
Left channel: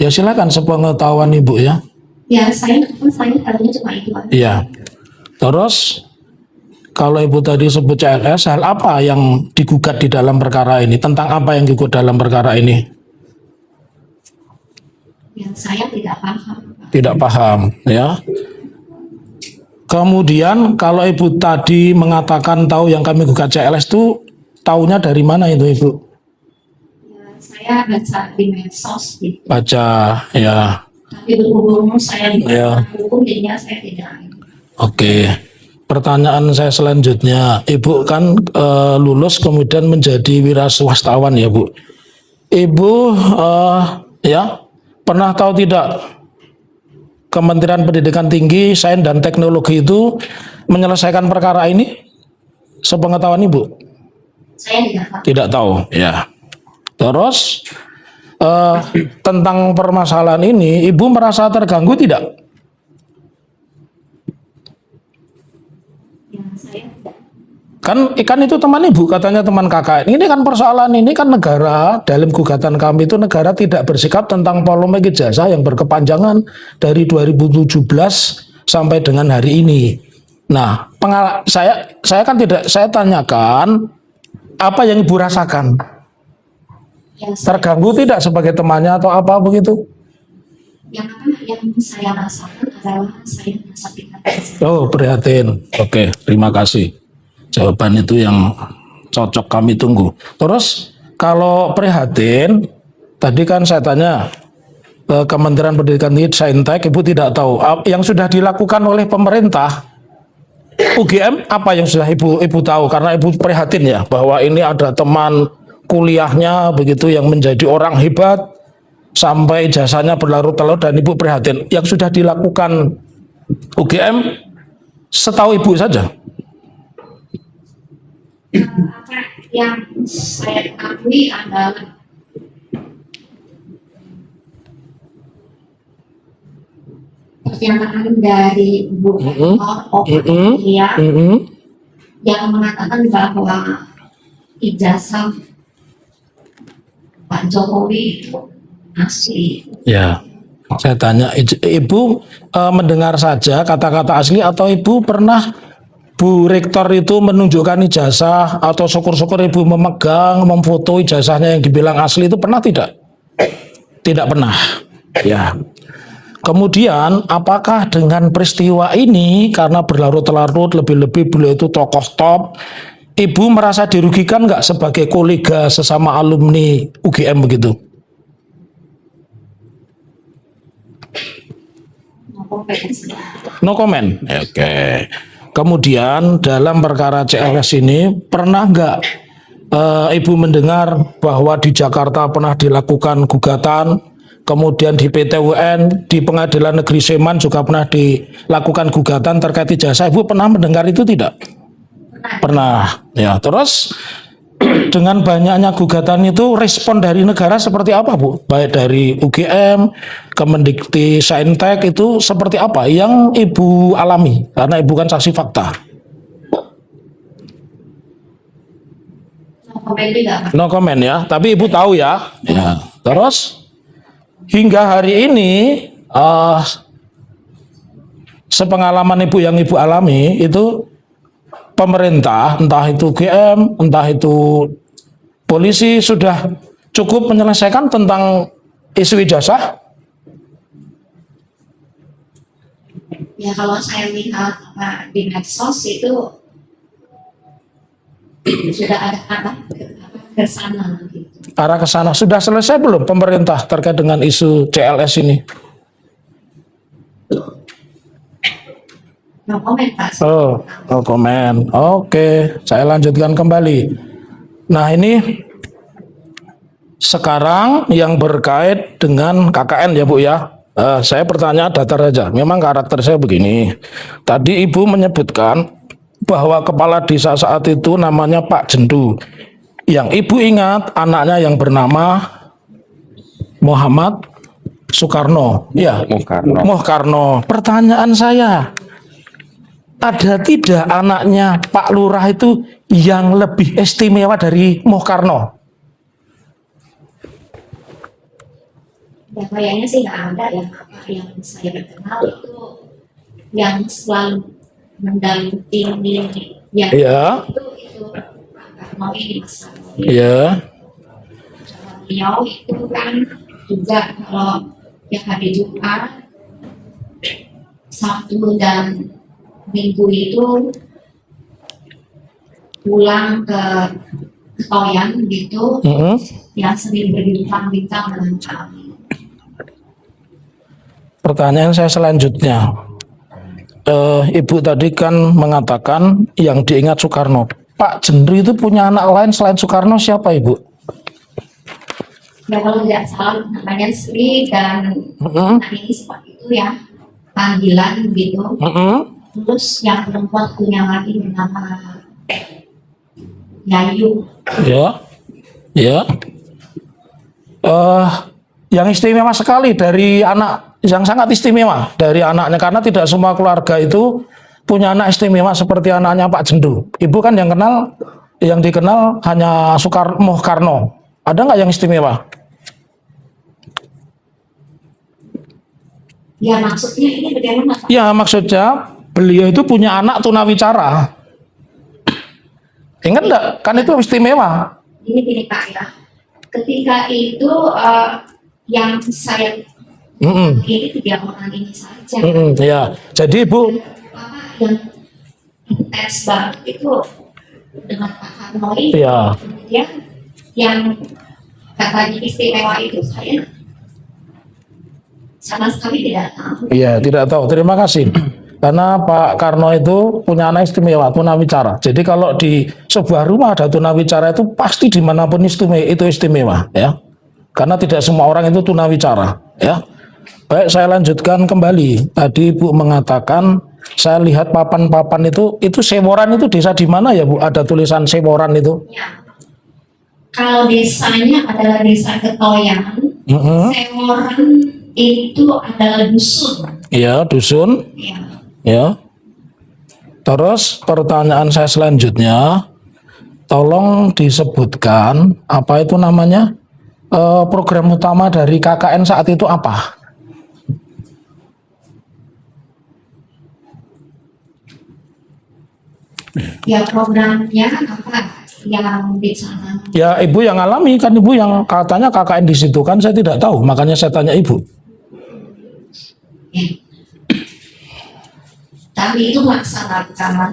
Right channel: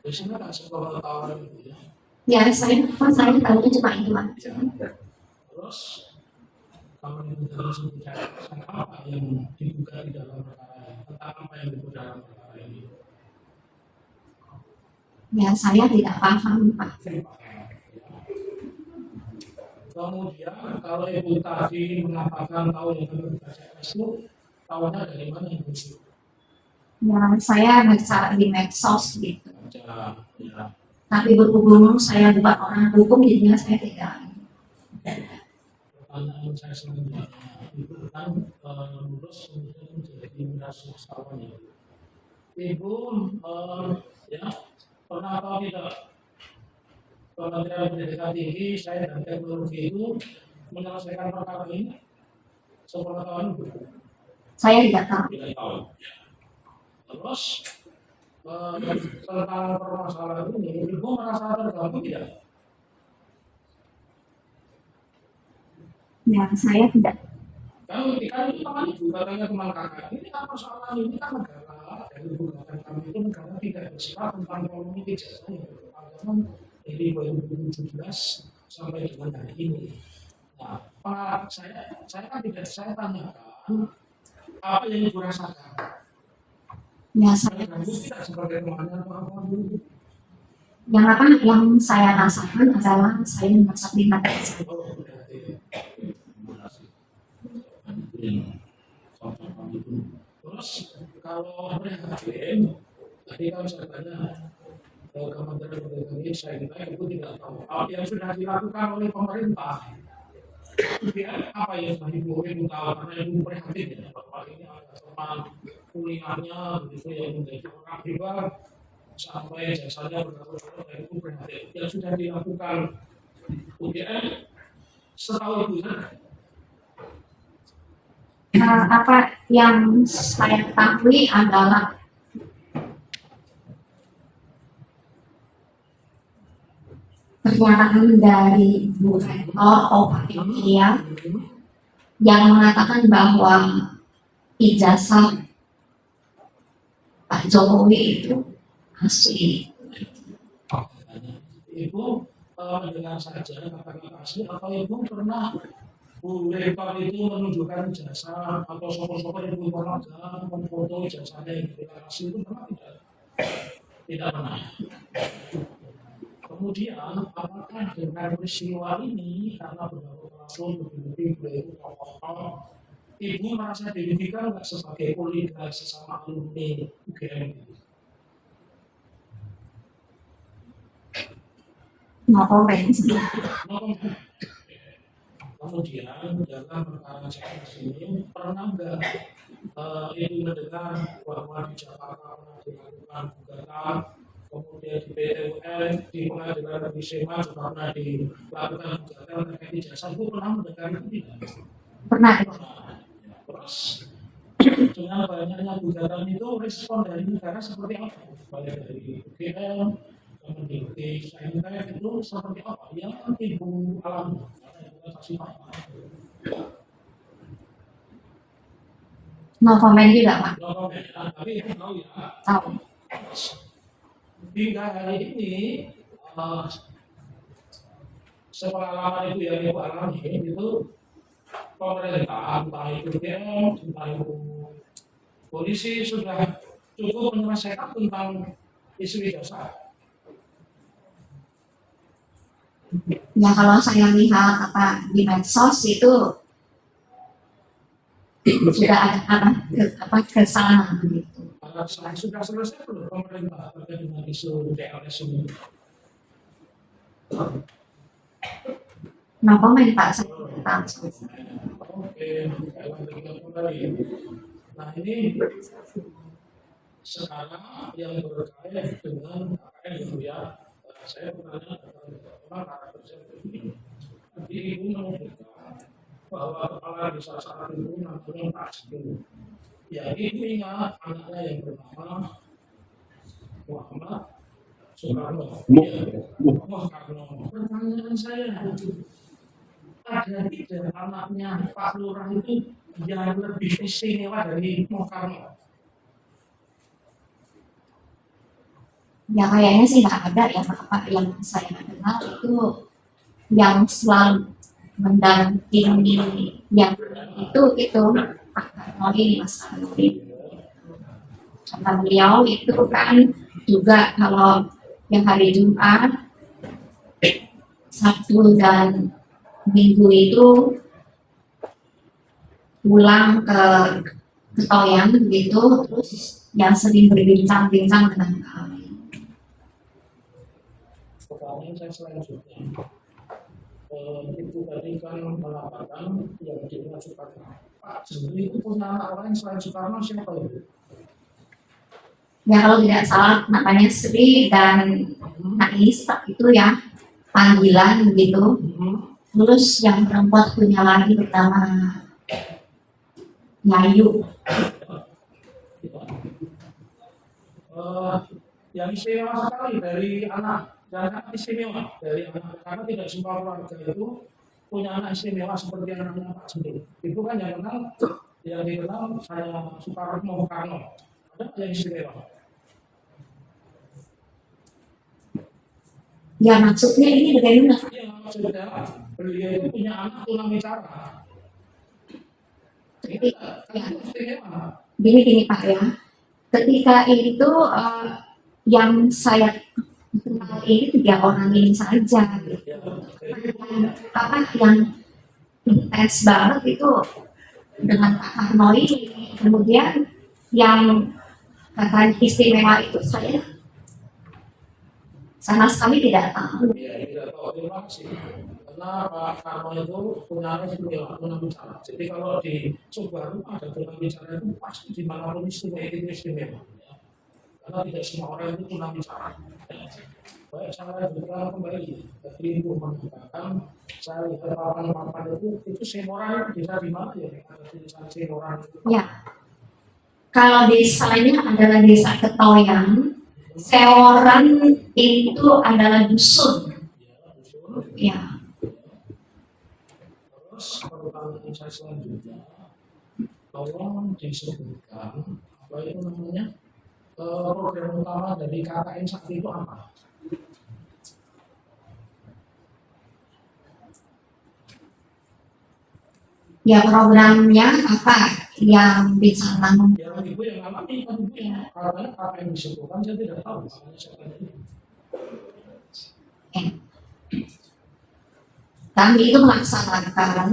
Ya silakan sepengetahuan Ibu ya. Ya saya tahunya cuma itu aja. Iya. Terus kalau Ibu tadi sebut CLS, hal apa yang digugat di dalam perkara ini? Tentang apa yang digugat dalam perkara ini? Ya saya tidak paham Pak. Tidak paham ya. Kemudian kalau Ibu tadi mengatakan tahu yang kami gugat CLS itu tahunya dari mana itu Ibu? Ya saya baca di medsos gitu. Baca ya. Tapi berhubung saya di Ya. hukum jadinya saya tidak. Oke. Pertanyaan saya selanjutnya, Ibu kan lulus kemudian menjadi wira swastawan ya Bu. Ibu ya pernah tahu tidak Kementerian Pendidikan Tinggi, Sains dan Teknologi itu menyelesaikan perkara ini? Sepengetahuan Ibu? Saya tidak tahu. Tidak tahu, ya. Terus tentang permasalahan ini, Ibu merasa terganggu tidak? Ya saya tidak. Kan itu teman Ibu, katanya teman kakak. Ini kan persoalan ini kan negara, dalam gugatan kami itu negara tidak bersikap tentang polemik ijazah yang berkepanjangan dari 2017 sampai dengan hari ini. Nah, saya kan tidak, saya tanyakan apa yang Ibu rasakan? Ya saya, Terganggu tidak sebagai temannya atau apa begitu? yang saya rasakan adalah saya merasa prihatin. Oh, prihatin. Oke, terima kasih. Jawaban itu yang cocok kami tunggu. Terus kalau prihatin, tadi kan saya tanya Kementerian Pendidikan Tinggi Saintek, Ibu tidak tahu yang sudah dilakukan oleh pemerintah UGM apa yang sudah Ibu tahu karena Ibu prihatin ya bahwa ini ada teman kuliahnya begitu yang menjadi orang hebat sampai jasanya berlarut-larut dan Ibu prihatin. Yang sudah dilakukan UGM setahu Ibu saja. Apa yang saya ketahui adalah pernyataan dari Bu Rektor ya yang mengatakan bahwa ijazah Pak Jokowi itu asli. Ya, saya tanya, Ibu mendengar saja kata-kata asli atau Ibu pernah Bu Rektor itu menunjukkan ijazah atau syukur-syukur Ibu memegang, memfoto ijazahnya yang dibilang asli itu pernah tidak? Tidak pernah. Ya. Kemudian apakah dengan peristiwa ini karena berlarut-larut lebih-lebih beliau itu tokoh top, Ibu merasa dirugikan nggak sebagai kolega sesama alumni UGM begitu? No comment. No comment. Oke. Kemudian dalam perkara CLS ini pernah nggak Ibu mendengar bahwa di Jakarta pernah dilakukan gugatan, kemudian di PT UN, di Pengadilan Negeri Sleman juga pernah dilakukan gugatan terkait ijazah. Ibu pernah mendengar itu tidak? Pernah. Pernah. Ya, terus dengan banyaknya gugatan itu respon dari negara seperti apa Bu? Baik dari UGM, Kemendikti Saintek itu seperti apa yang Ibu alami? Karena Ibu kan saksi fakta. No comment juga Pak. No comment ya, tapi Ibu tahu ya. Ya. Terus hingga hari ini sepengalaman ibu yang ibu alami itu pemerintah, entah itu GM, entah itu polisi sudah cukup menyelesaikan tentang isu ijazah? Ya kalau saya lihat apa di medsos itu sudah ada ke sana begitu. Arah ke sana sudah selesai belum pemerintah terkait dengan isu CLS ini? No comment Pak. Oh, no comment. Oke, saya lanjutkan kembali. Nah ini sekarang yang berkait dengan KKN ya Bu ya. Saya pertanyaan datar saja. Memang karakter saya begini. Tadi Ibu menyebutkan bahwa kepala desa saat itu namanya Pak Jendu. Yang Ibu ingat anaknya yang bernama Muhammad Soekarno. Iya, Muhkarno. Pertanyaan saya, ada tidak anaknya Pak Lurah itu yang lebih istimewa dari Muhkarno? Ya kayaknya sih nggak ada ya apa yang saya kenal itu yang selalu mendampingi yang Iya. itu Pak Karno ini Mas Karno ini. Iya. Kata beliau itu kan juga kalau yang hari Jumat, Sabtu dan Minggu itu pulang ke Ketoyan gitu, yang sering berbincang-bincang dengan kami. Pertanyaan saya selanjutnya, Ibu tadi kan mengatakan yang diingat Soekarno. Pak Jendu itu punya anak lain selain Soekarno siapa Ibu? Ya kalau tidak salah namanya Sri dan anak ini itu ya panggilan begitu. Terus yang perempuan punya lagi bernama Yayu. Ya, ya. Yang istimewa sekali dari anak, yang sangat istimewa dari anaknya, karena tidak semua keluarga itu punya anak istimewa seperti anaknya Pak Jendu. Ibu kan yang kenal, yang dikenal hanya Muhkarno. Ada nggak yang istimewa? Ya maksudnya ini bagaimana Pak? Ya maksudnya beliau itu punya anak tunawicara. Ingat nggak? Kan itu istimewa. Gini Pak ya, ketika itu yang saya ini 3 orang ini saja. Ya, jadi Ibu Apa yang intens banget itu dengan Pak Karno ini. Ya. Kemudian yang katanya istimewa itu saya sama sekali tidak tahu. Iya, tidak tahu. Terima kasih. Karena Pak Karno itu punya anak istimewa, tunawicara. Jadi kalau di sebuah rumah ada tunawicara itu pasti dimanapun itu istimewa, ya. Karena tidak semua orang itu tunawicara, ya. Baik, saya lanjutkan kembali. Tadi Ibu mengatakan saya lihat papan-papan itu Seworan itu desa di mana ya Bu? Ada tulisan Seworan itu? Ya. Kalau desanya adalah desa Ketoyan, Seworan itu adalah dusun. Iya, dusun. Ya. Ya. Terus pertanyaan saya selanjutnya, tolong disebutkan apa itu namanya program utama dari KKN saat itu apa? Ya programnya apa yang dicanangkan? Ya Ibu yang alami kan, Ibu yang katanya KKN di situ kan, saya tidak tahu, makanya saya tanya Ibu. Ya. Kami itu melaksanakan,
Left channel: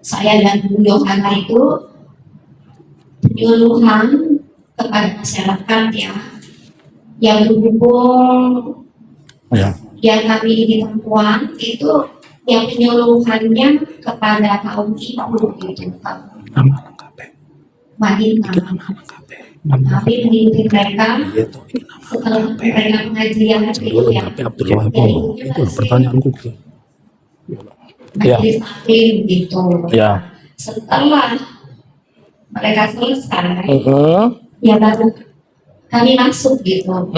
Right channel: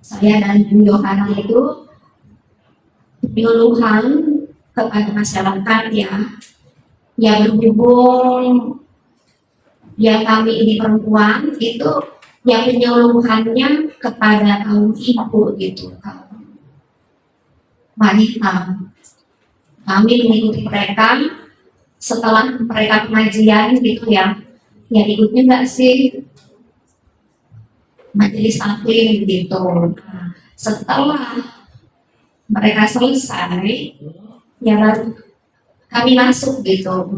saya dan Bu Yohana itu penyuluhan kepada masyarakat ya berhubung ya kami ini perempuan itu ya penyuluhannya kepada kaum ibu gitu, wanita. Kami mengikuti mereka setelah mereka pengajian gitu ya ikutnya nggak sih majelis taklim gitu. Setelah mereka selesai ya baru kami masuk gitu.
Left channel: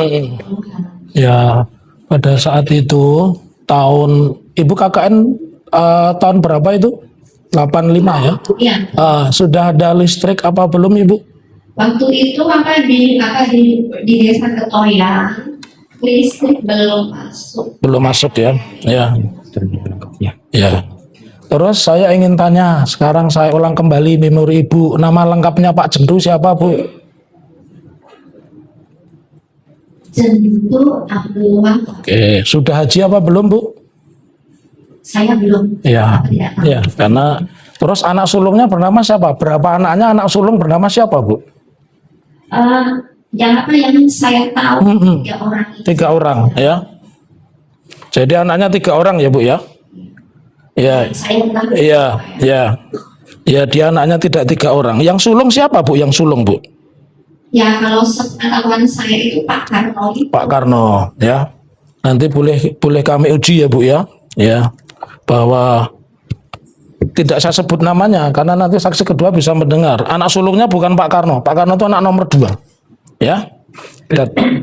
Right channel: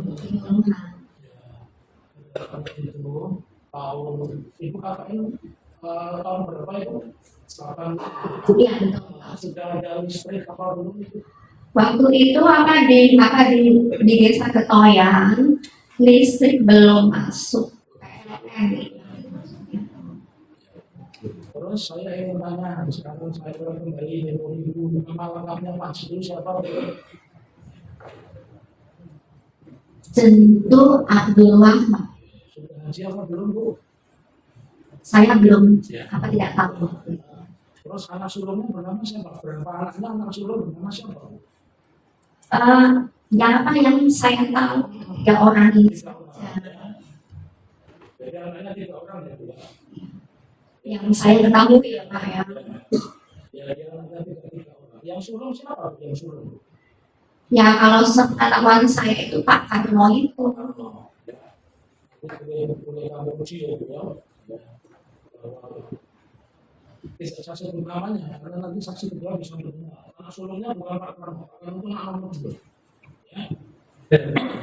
Ya pada saat itu tahun Ibu KKN tahun berapa itu? 85 ya? Iya. Sudah ada listrik apa belum Ibu? Waktu itu di desa Ketoyan Listrik belum masuk. Belum masuk ya. Ya. Ya. Terus saya ingin tanya, sekarang saya ulang kembali memori Ibu. Nama lengkapnya Pak Jendu siapa, Bu? Jendu Abdul Wahab. Oke, sudah haji apa belum, Bu? Saya belum. Ya. Tidak tahu. Ya, karena terus anak sulungnya bernama siapa? Berapa anaknya anak sulung bernama siapa, Bu? Yang saya tahu 3 orang ini. 3 orang, ya. Jadi anaknya 3 orang ya, Bu ya? Ya. Yang saya ketahui. Iya, ya. Ya, dia anaknya tidak 3 orang. Yang sulung siapa, Bu? Yang sulung, Bu? Ya, kalau sepengetahuan saya itu Pak Karno itu. Pak Karno, ya. Nanti boleh kami uji ya, Bu ya. Ya. Bahwa tidak saya sebut namanya karena nanti saksi kedua bisa mendengar. Anak sulungnya bukan Pak Karno. Pak Karno itu anak nomor 2. Ya.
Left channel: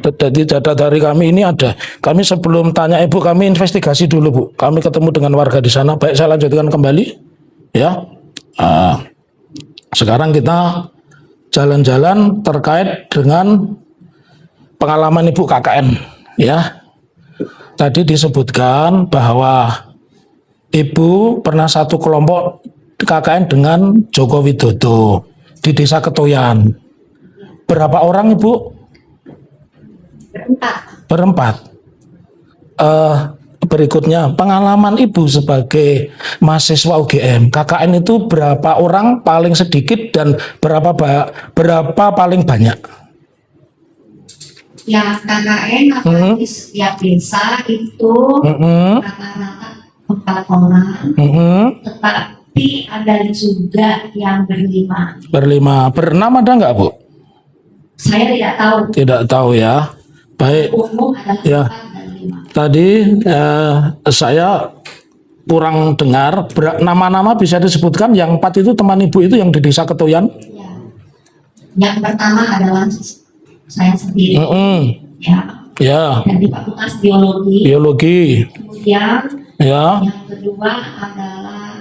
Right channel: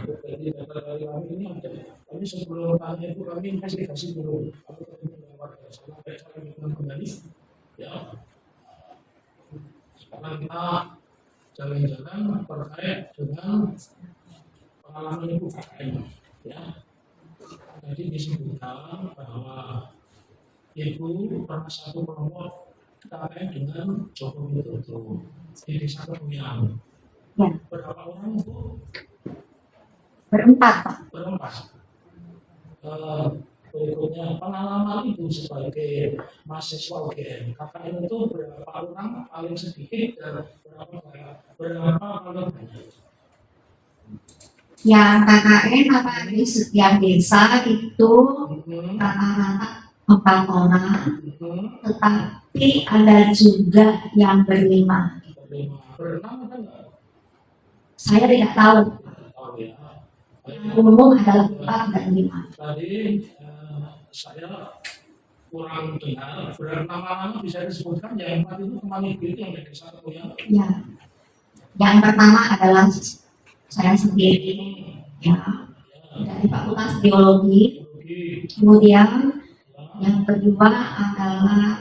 Jadi data dari kami ini ada. Kami sebelum tanya Ibu, kami investigasi dulu, Bu. Kami ketemu dengan warga di sana. Baik, saya lanjutkan kembali. Ya. Sekarang kita jalan-jalan terkait dengan pengalaman Ibu KKN. Ya. Tadi disebutkan bahwa Ibu pernah satu kelompok KKN dengan Joko Widodo di Desa Ketoyan. Ya, Berapa orang, Ibu? berempat, Pak. Berempat. Berikutnya, pengalaman Ibu sebagai mahasiswa UGM, KKN itu berapa orang paling sedikit dan berapa paling banyak? Ya, KKN atau di setiap desa itu rata-rata 4 orang, tetapi ada juga yang berlima. Bernama ada nggak, Bu? Saya tidak tahu. Tidak tahu ya. Baik. Umum adalah Ya. 4 dan 5. Tadi saya kurang dengar nama-nama bisa disebutkan. Yang 4 itu teman Ibu itu yang di Desa Ketoyan. Ya. Yang pertama adalah saya sendiri. Ya. Ya. Dari Fakultas Biologi. Biologi. Kemudian Ya. yang kedua adalah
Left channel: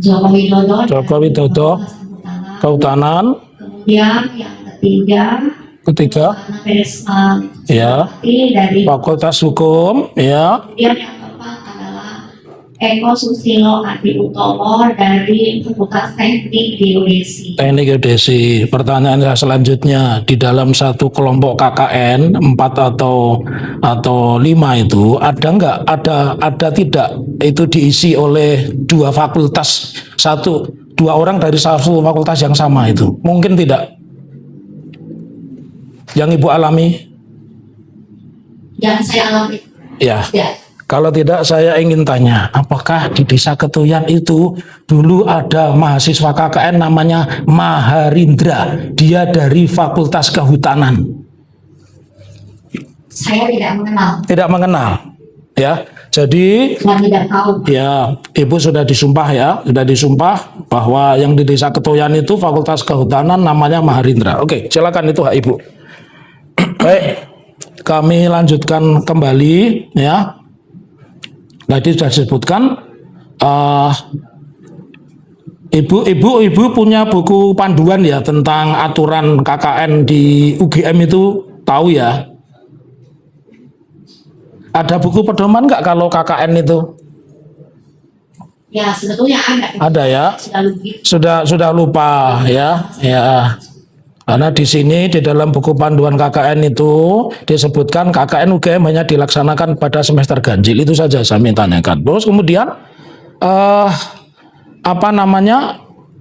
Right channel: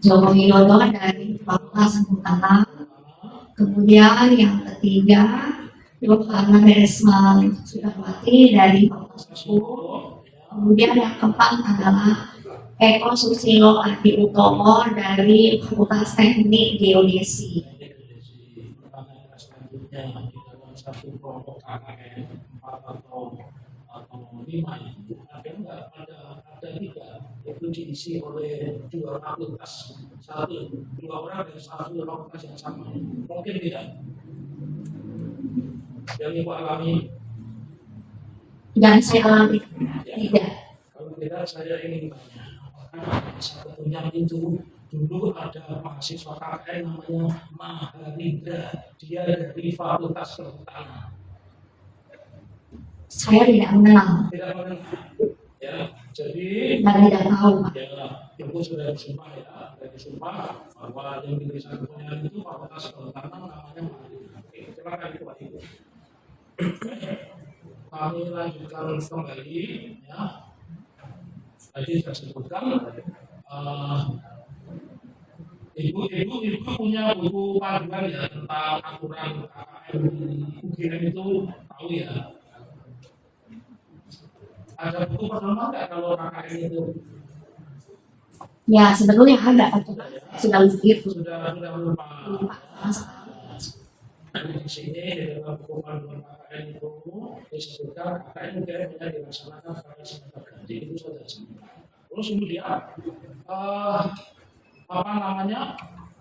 Joko Widodo Joko dari Widodo. Fakultas Kehutanan. Kehutanan. Kemudian yang ketiga Ana Resma Ya. dari Fakultas Hukum. Ya. Kemudian yang keempat adalah Eko Susilo Adi Utomo dari Fakultas Teknik Geodesi. Teknik Geodesi. Pertanyaan saya selanjutnya, di dalam satu kelompok KKN 4 atau 5 itu ada nggak ada tidak itu diisi oleh 2 fakultas, 2 orang dari satu fakultas yang sama itu? Mungkin tidak. Yang Ibu alami? Yang saya alami Ya. tidak. Kalau tidak, saya ingin tanya, apakah di Desa Ketoyan itu dulu ada mahasiswa KKN namanya Maharindra, dia dari Fakultas Kehutanan? Saya tidak mengenal Tidak mengenal, ya. Jadi, dan tidak tahu. ya, Ibu sudah disumpah bahwa yang di Desa Ketoyan itu Fakultas Kehutanan namanya Maharindra. Oke, silakan, itu hak Ibu. Baik, kami lanjutkan kembali, ya. Tadi sudah disebutkan, Ibu punya buku panduan ya tentang aturan KKN di UGM itu, tahu ya? Ada buku pedoman nggak kalau KKN itu? Ya, sebetulnya ada. Ada ya? Sudah lupa ya? Ya. Karena di sini di dalam buku panduan KKN itu disebutkan KKN UGM hanya dilaksanakan pada semester ganjil, itu saja saya tanyakan. Terus kemudian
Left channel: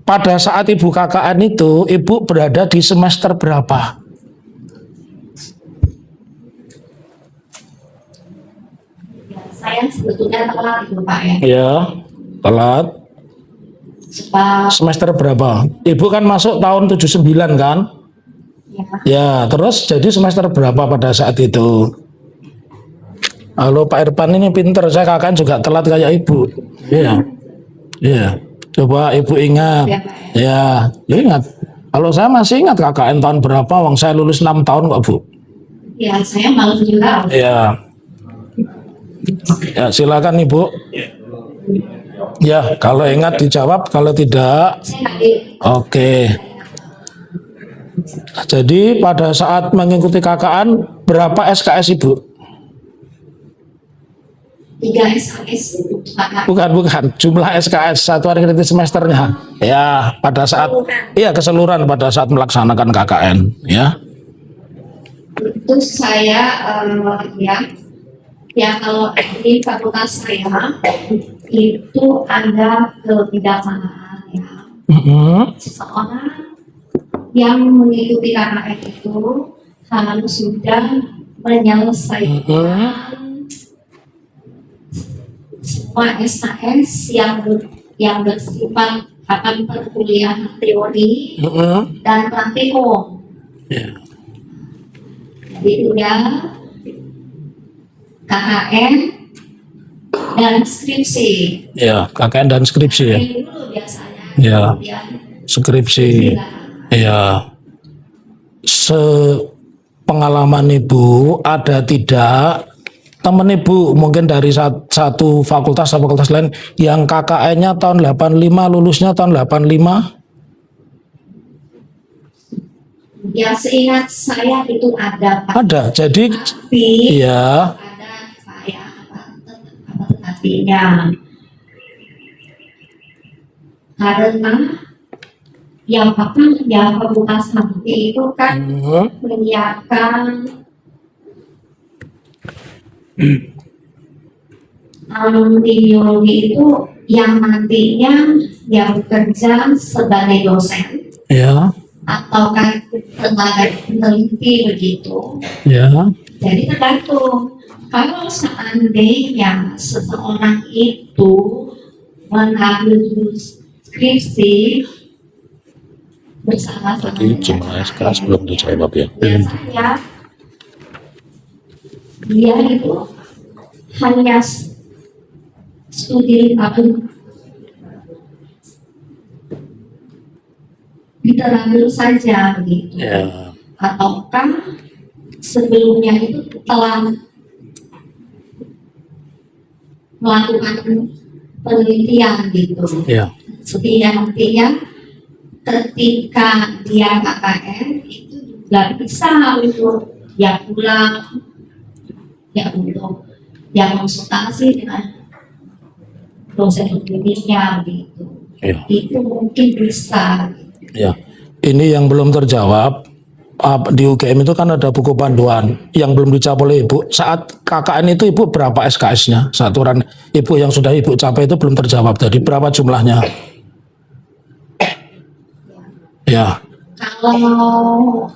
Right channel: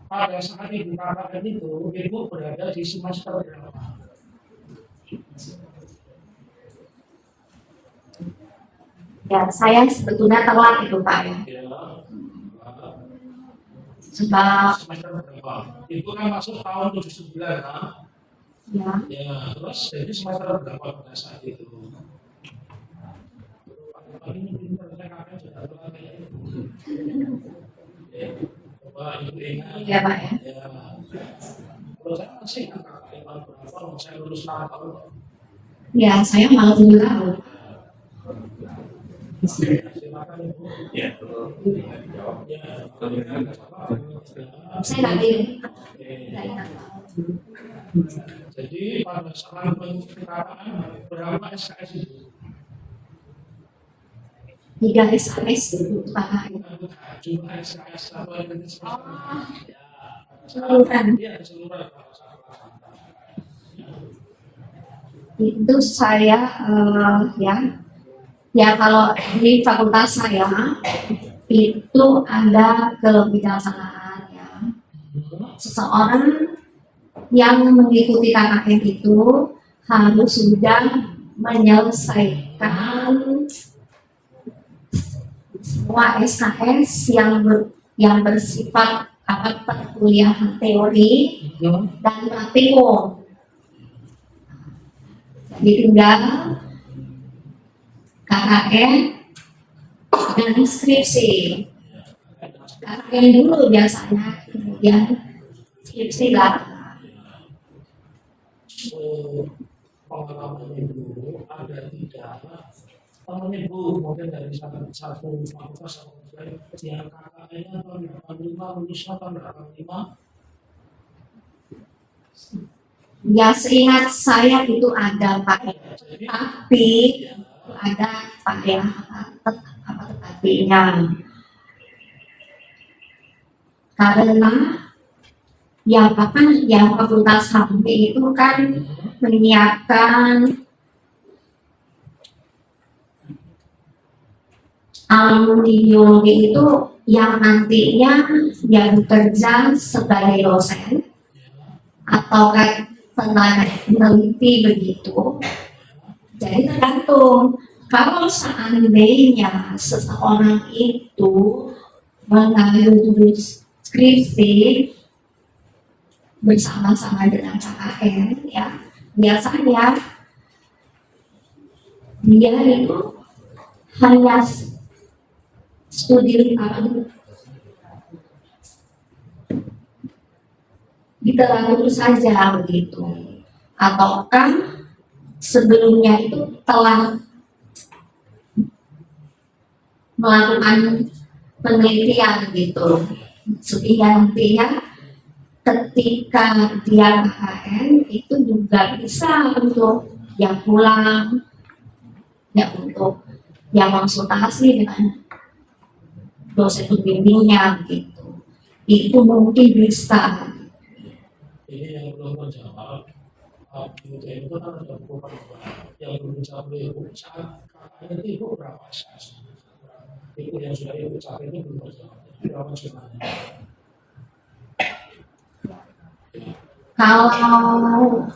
pada saat Ibu KKN itu Ibu berada di semester berapa? Ya, saya sebetulnya telat itu Pak ya. Ya, telat. Sebab Semester berapa? Ibu kan masuk tahun 79 kan? ya, Ya, terus jadi semester berapa pada saat itu? Halo Pak Irfan, ini pinter, saya KKN juga telat kayak Ibu. Iya. Iya. Coba Ibu ingat. ya Pak ya. Ya, ingat. Kalau saya masih ingat KKN tahun berapa, wong saya lulus 6 tahun kok, Bu. Ya, saya malu juga. Ya. Ya, silakan Ibu. Ya, kalau ingat dijawab, kalau tidak, Saya nggak ingat. oke. Jadi pada saat mengikuti KKN berapa SKS Ibu? 3 SKS untuk KKN. Bukan. Jumlah SKS satuan kritis semesternya. Ya, pada saat keseluruhan pada saat melaksanakan KKN, ya. Itu saya ya kalau di fakultas saya itu ada kebijaksanaan ya. Seseorang yang mengikuti KKN itu harus sudah menyelesaikan semua SKS yang bersifat akan perkuliahan teori dan praktikum. Jadi tinggal KKN dan skripsi. Ya, KKN dan skripsi ya. KKN dulu biasanya. Ya. Kemudian Skripsi. lah. Ya. Sepengalaman Ibu ada tidak teman Ibu mungkin dari satu fakultas atau fakultas lain yang KKN-nya tahun 85 lulusnya tahun 85? Ya seingat saya itu ada Pak. Ada. Jadi Tapi ya, ada Pak ya tetapinya. Karena yang fakultas HMP itu kan menyiapkan alumni biologi itu yang nantinya yang bekerja sebagai dosen ya, atau kan tenaga peneliti begitu. ya. Jadi tergantung kalau seandainya seseorang itu mengambil jurus skripsi bersama-sama dengan SKS belum dijawab ya. biasanya dia itu hanya studi literatur saja begitu, Ya. ataukah sebelumnya itu telah melakukan penelitian gitu, Ya. sehingga nantinya ketika dia KKN itu juga bisa untuk ya pulang ya untuk ya konsultasi dengan dosen pembimbingnya gitu. Ya. Itu mungkin bisa. Ya. Ini yang belum terjawab. Di UGM itu kan ada buku panduan yang belum dicapai oleh Ibu. Saat KKN itu Ibu berapa SKS-nya? Saturan Ibu yang sudah Ibu capai itu belum terjawab. Jadi berapa jumlahnya? Ya. Kalau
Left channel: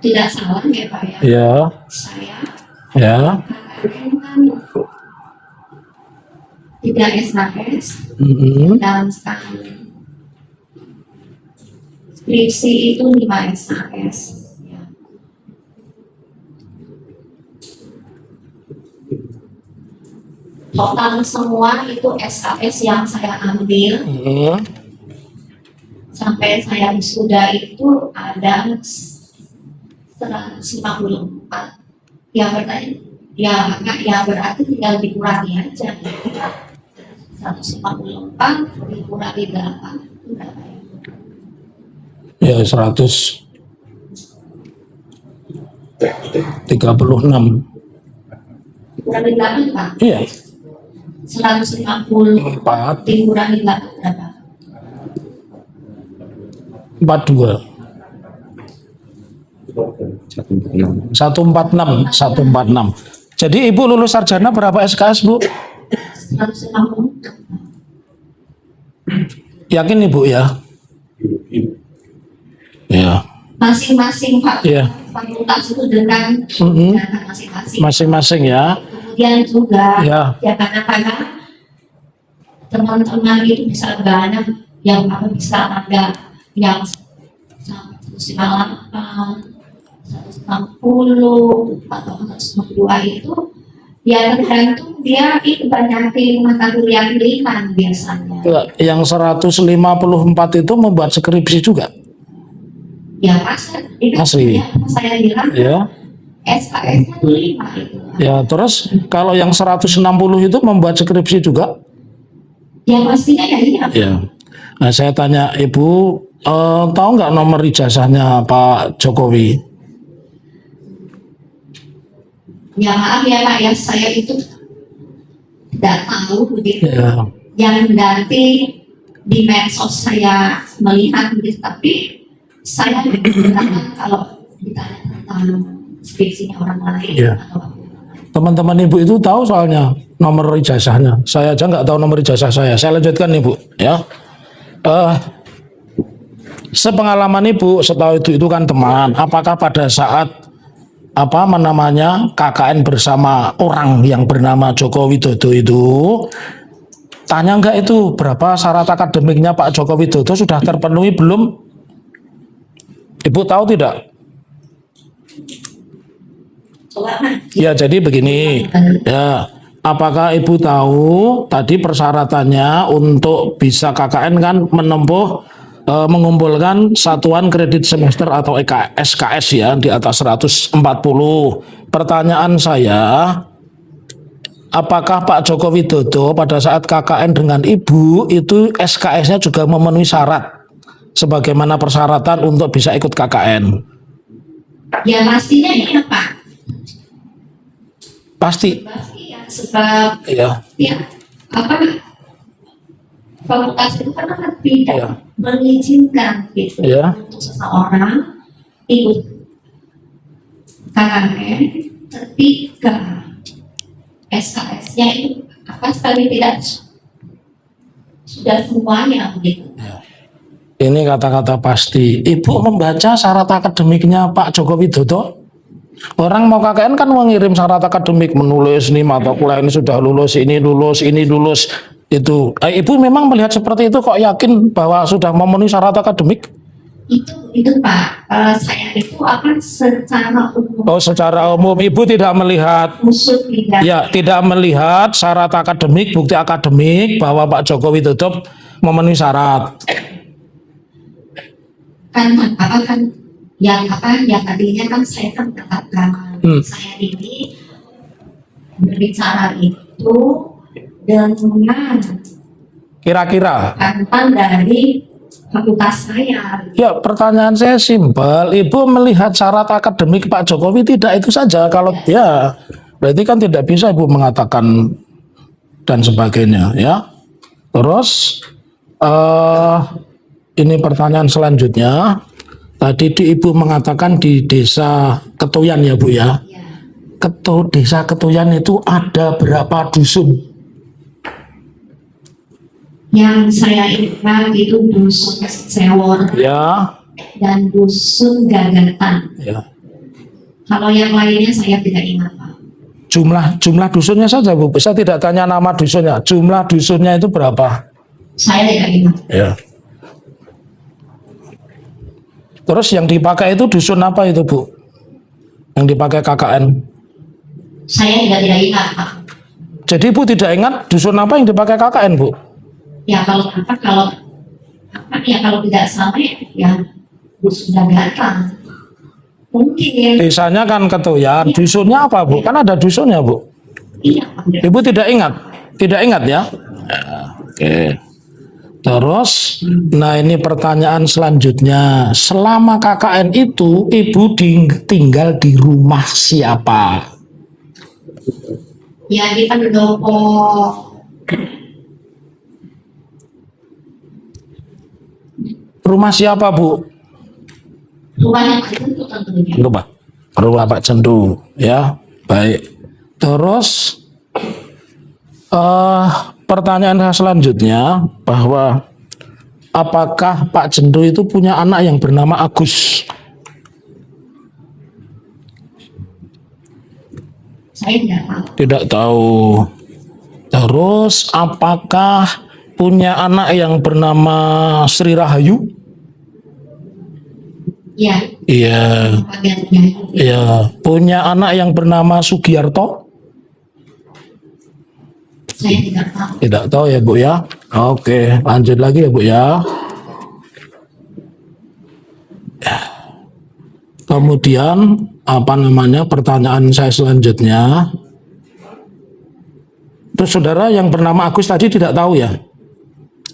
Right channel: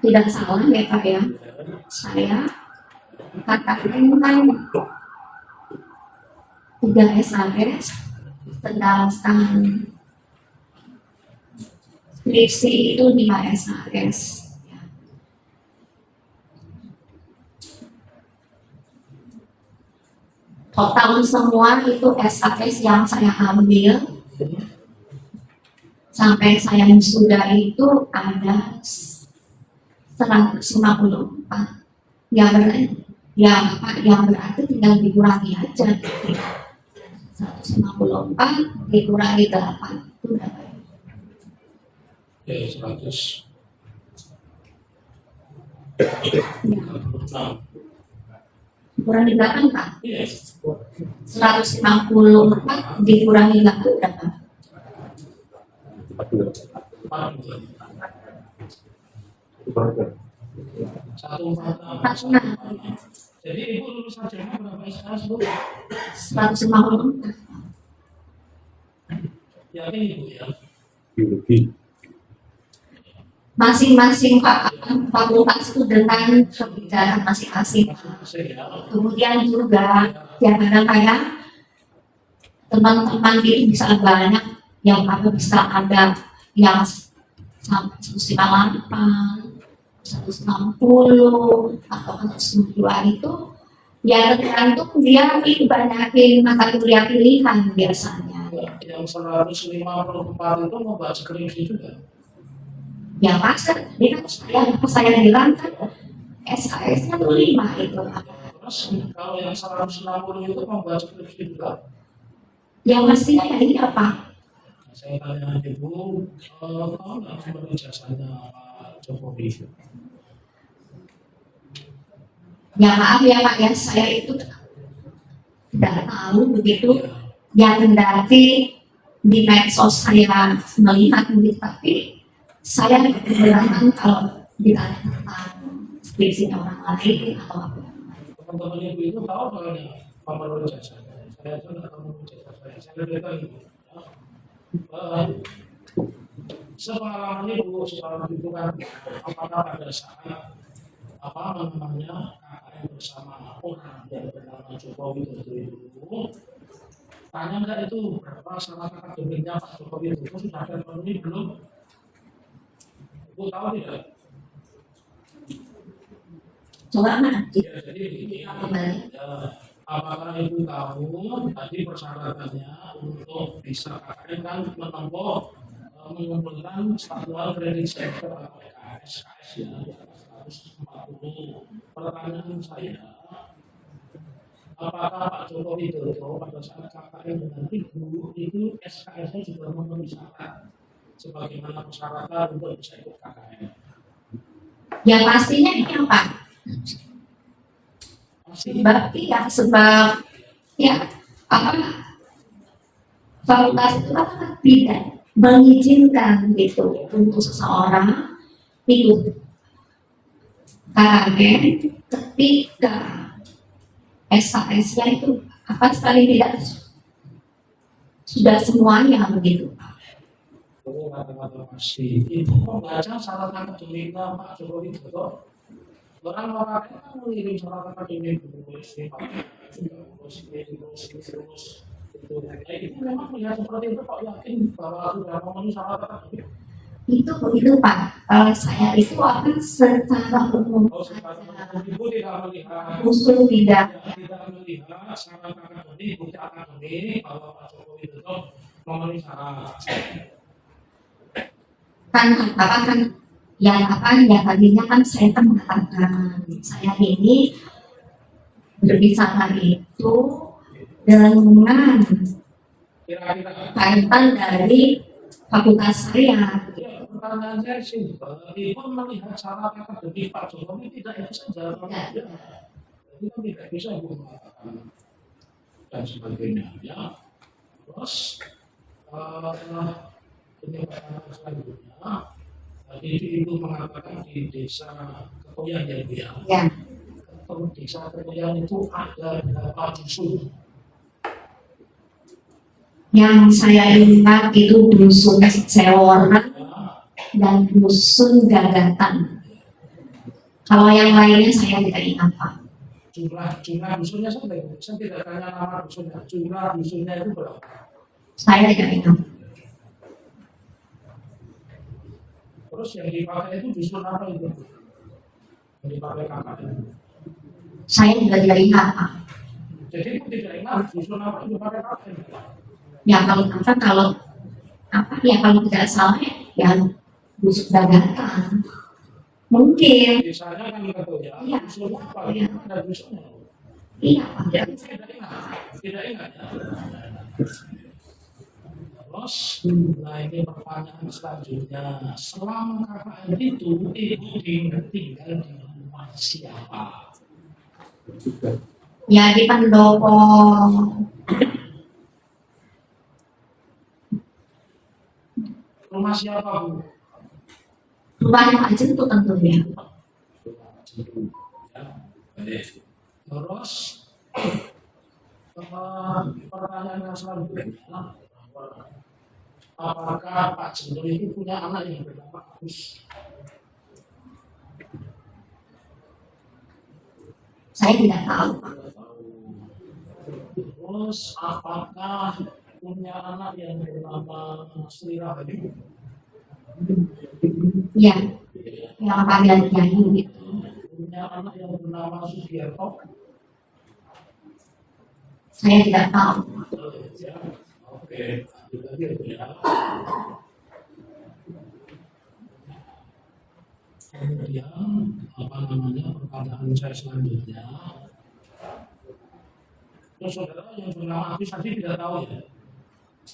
tidak salah ya Pak ya, Ya. saya Ya. KKN kan 3 SKS, sedangkan skripsi itu 5 SKS. Ya. Total semua itu SKS yang saya ambil sampai saya wisuda itu ada 154. Ya berarti tinggal dikurangi aja. 154 dikurangi 8 itu berapa ya? Ya 136. Dikurangi 8 Pak? Iya. 154 dikurangi 8 berapa? 42. 146. Jadi Ibu lulus sarjana berapa SKS Bu? 154. Yakin Ibu ya? Ya. Masing-masing Iya. fakultas itu dengan kebijakan masing-masing. Masing-masing ya. Kemudian juga Ya. ya kadang-kadang teman-teman itu bisa banyak yang bisa ada yang sampai 158, 160 atau 162 itu ya tergantung dia itu banyakin mata kuliah pilihan biasanya. Yang 154 itu membuat skripsi juga? Ya masa itu Masih. yang saya bilang Ya. SKS-nya 5 itu. Ya, terus kalau yang 160 itu membuat skripsi juga? Ya pastinya ya iya Pak. Ya. Nah, saya tanya Ibu, tahu nggak nomor ijazahnya Pak Jokowi? Ya maaf ya Pak ya, saya itu tidak tahu begitu. Ya. Yang nanti di medsos saya melihat begitu, tapi saya keberatan kalau ditanya tentang skripsinya orang lain Ya. atau apa. Teman-teman Ibu itu tahu soalnya nomor ijazahnya. Saya aja nggak tahu nomor ijazah saya. Saya lanjutkan Ibu, ya. Sepengalaman Ibu, setahu itu kan teman. Apakah pada saat KKN bersama orang yang bernama Joko Widodo itu, tanya enggak itu berapa syarat akademiknya Pak Joko Widodo sudah terpenuhi belum? Ibu tahu tidak? Coba Mas. Ya, jadi begini. Ya, apakah Ibu tahu tadi persyaratannya untuk bisa KKN kan menempuh mengumpulkan satuan kredit semester atau SKS ya di atas 140. Pertanyaan saya, apakah Pak Joko Widodo pada saat KKN dengan Ibu itu SKS-nya juga memenuhi syarat sebagaimana persyaratan untuk bisa ikut KKN? Ya pastinya ya Pak. Pasti. Sebab Ya. Fakultas itu kan tidak Ya. mengizinkan gitu Ya. untuk seseorang ikut KKN ketika SKS-nya itu sekali tidak sudah semuanya begitu. Ini kata-kata pasti. Ibu membaca syarat akademiknya Pak Joko Widodo. Orang mau KKN kan mengirim syarat akademik, menulis nih mata kuliah ini sudah lulus, ini lulus. Itu. Ibu memang melihat seperti itu kok yakin bahwa sudah memenuhi syarat akademik? Itu Pak. Saya itu akan secara umum. Oh, secara umum Ibu tidak melihat. Usul tidak. Ya, tidak melihat syarat akademik, bukti akademik bahwa Pak Joko Widodo memenuhi syarat. Yang tadinya kan saya kan mengatakan saya ini berbicara itu dengan Kira-kira. pantan dari fakultas saya. Ya, pertanyaan saya simpel. Ibu melihat syarat akademik Pak Jokowi tidak itu saja. Kalau ya, berarti kan tidak bisa Ibu mengatakan dan sebagainya, ya. Terus ini pertanyaan selanjutnya. Tadi Ibu mengatakan di desa Ketuyan ya Bu ya. Ya. Desa Ketuyan itu ada berapa dusun? Yang saya ingat itu dusun Sewor Ya. dan dusun Gagatan. Ya. Kalau yang lainnya saya tidak ingat Pak. Jumlah dusunnya saja Bu. Saya tidak tanya nama dusunnya. Jumlah dusunnya itu berapa? Saya tidak ingat. Ya. Terus yang dipakai itu dusun apa itu Bu? Yang dipakai KKN? Saya juga tidak ingat Pak. Jadi Ibu tidak ingat dusun apa yang dipakai KKN Bu? Ya kalau tidak salah ya dusun Gagatan. Mungkin. Desanya kan Ketuyan. Dusunnya apa Bu? Kan ada dusunnya Bu. Iya Pak. Ibu tidak ingat? Tidak ingat ya? Ya, oke. Terus, nah ini pertanyaan selanjutnya. Selama KKN itu, Ibu tinggal di rumah siapa? Ya di pendopo. Rumah siapa Bu? Rumahnya Pak Jentu tentunya. Rumah Pak Jentu, ya. Baik. Terus pertanyaan selanjutnya bahwa apakah Pak Jentu itu punya anak yang bernama Agus? Saya tidak tahu. Tidak tahu. Terus apakah punya anak yang bernama Sri Rahayu? Iya. Iya. Nama panggilan Yayu. Iya. Punya anak yang bernama Sugiarto? Saya tidak tahu. Tidak tahu ya Bu ya. Oke, lanjut lagi ya Bu ya. Kemudian pertanyaan saya selanjutnya. Terus saudara yang bernama Agus tadi tidak tahu ya?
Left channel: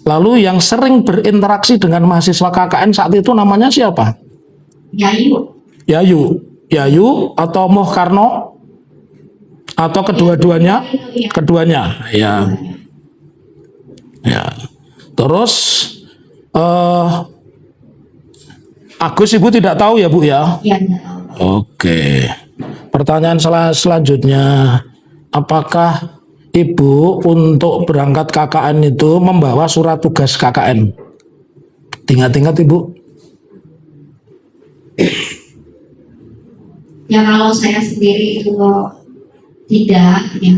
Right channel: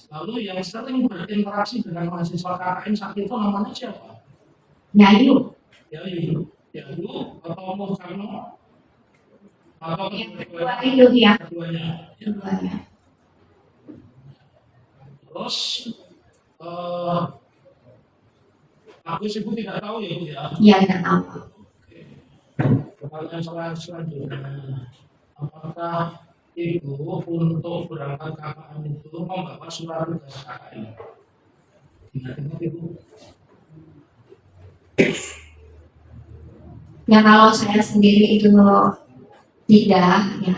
Lalu yang sering berinteraksi dengan mahasiswa KKN saat itu namanya siapa? Yayu. Yayu atau Moh Karno? Atau kedua-duanya? Yayu, ya. Keduanya, ya. Ya. Terus Agus Ibu tidak tahu ya Bu ya? Iya, tidak tahu. Oke. Pertanyaan selanjutnya, apakah Ibu untuk berangkat KKN itu membawa surat tugas KKN? Ingat-ingat Ibu? Ya kalau saya sendiri itu tidak, ya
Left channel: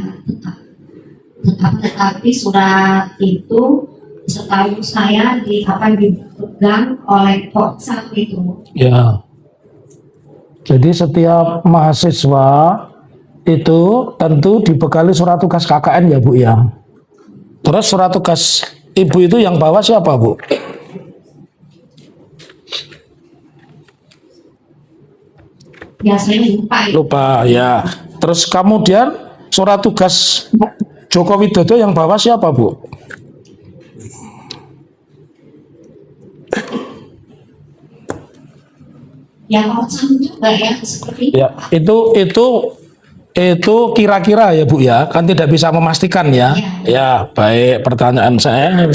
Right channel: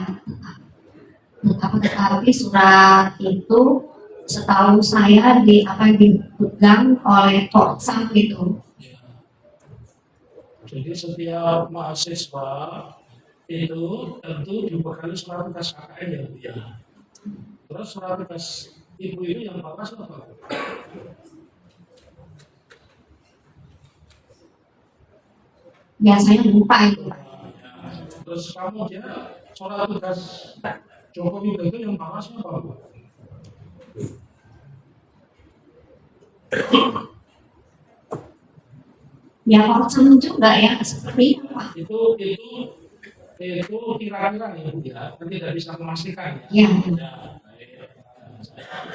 tetapi surat itu setahu saya dipegang oleh Korsam itu. Ya. Jadi setiap mahasiswa itu tentu dibekali surat tugas KKN ya Bu ya. Terus surat tugas Ibu itu yang bawa siapa Bu? Ya saya lupa. Lupa ya. Terus kemudian surat tugas Joko Widodo yang bawa siapa Bu? Ya Korsam juga ya seperti Ya, itu kira-kira ya Bu ya, kan tidak bisa memastikan ya. Ya. Ya, baik. Pertanyaan saya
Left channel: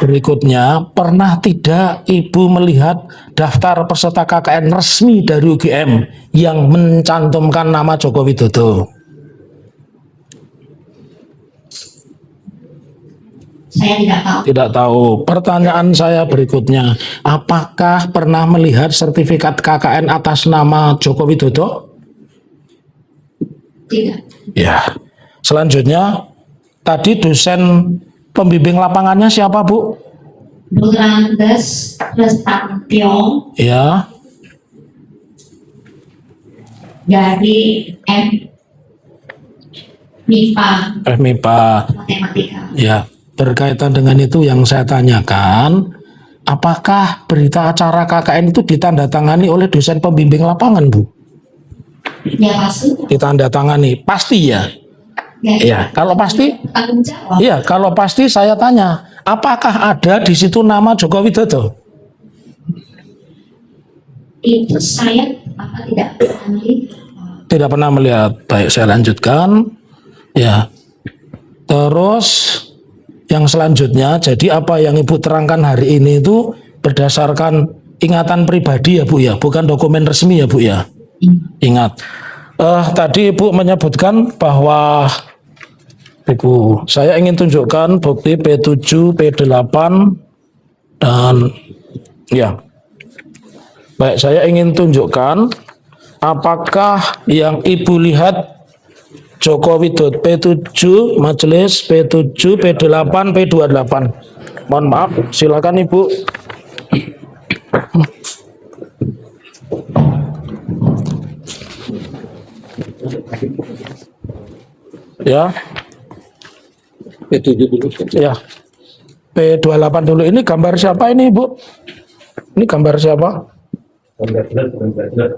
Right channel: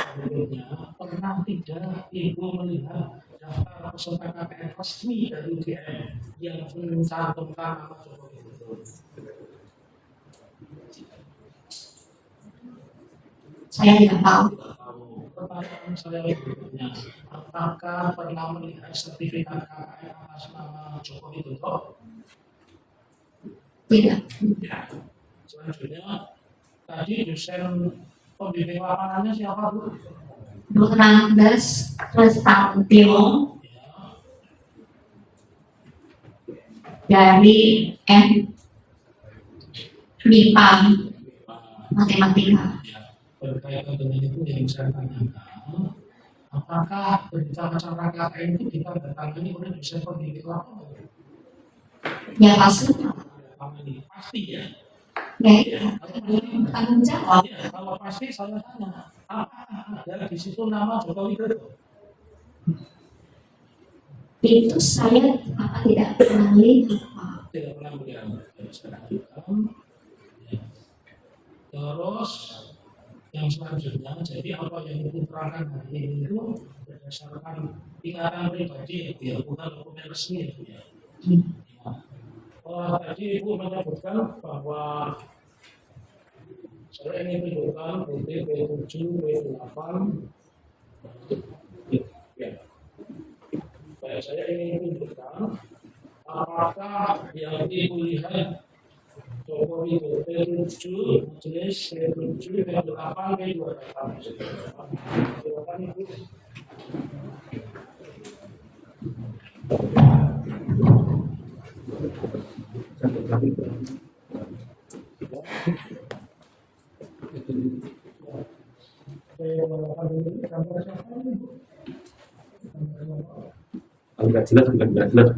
berikutnya, pernah tidak Ibu melihat daftar peserta KKN resmi dari UGM yang mencantumkan nama Joko Widodo? saya tidak tahu. Tidak tahu. Pertanyaan saya berikutnya, apakah pernah melihat sertifikat KKN atas nama Joko Widodo? Tidak. Ya. Selanjutnya, tadi dosen pembimbing lapangannya siapa Bu? Bu Randes Restantio Ya. dari MIPA MIPA. Matematika. Ya. Berkaitan dengan itu yang saya tanyakan, apakah berita acara KKN itu ditandatangani oleh dosen pembimbing lapangan Bu? Ya pasti. Ditandatangani, pasti ya? Ya, Ya, kalau pasti, tanggung jawab. iya, kalau pasti saya tanya, apakah ada di situ nama Joko Widodo? Itu saya tidak pernah melihat. Tidak pernah melihat. Baik, saya lanjutkan. Ya. Terus yang selanjutnya, jadi apa yang Ibu terangkan hari ini itu berdasarkan ingatan pribadi ya Bu ya, bukan dokumen resmi ya Bu ya. Ingat. Tadi Ibu menyebutkan bahwa Ibu, saya ingin tunjukkan bukti P7, P8 dan ya. Baik, saya ingin tunjukkan apakah yang Ibu lihat Joko Widodo P7, majelis P7, P8, P28. Mohon maaf, silakan Ibu. Ya. P7 dulu. Ya. P28 dulu. Ini gambar siapa ini, Ibu? Ini gambar siapa? Enggak jelas, bukan enggak jelas.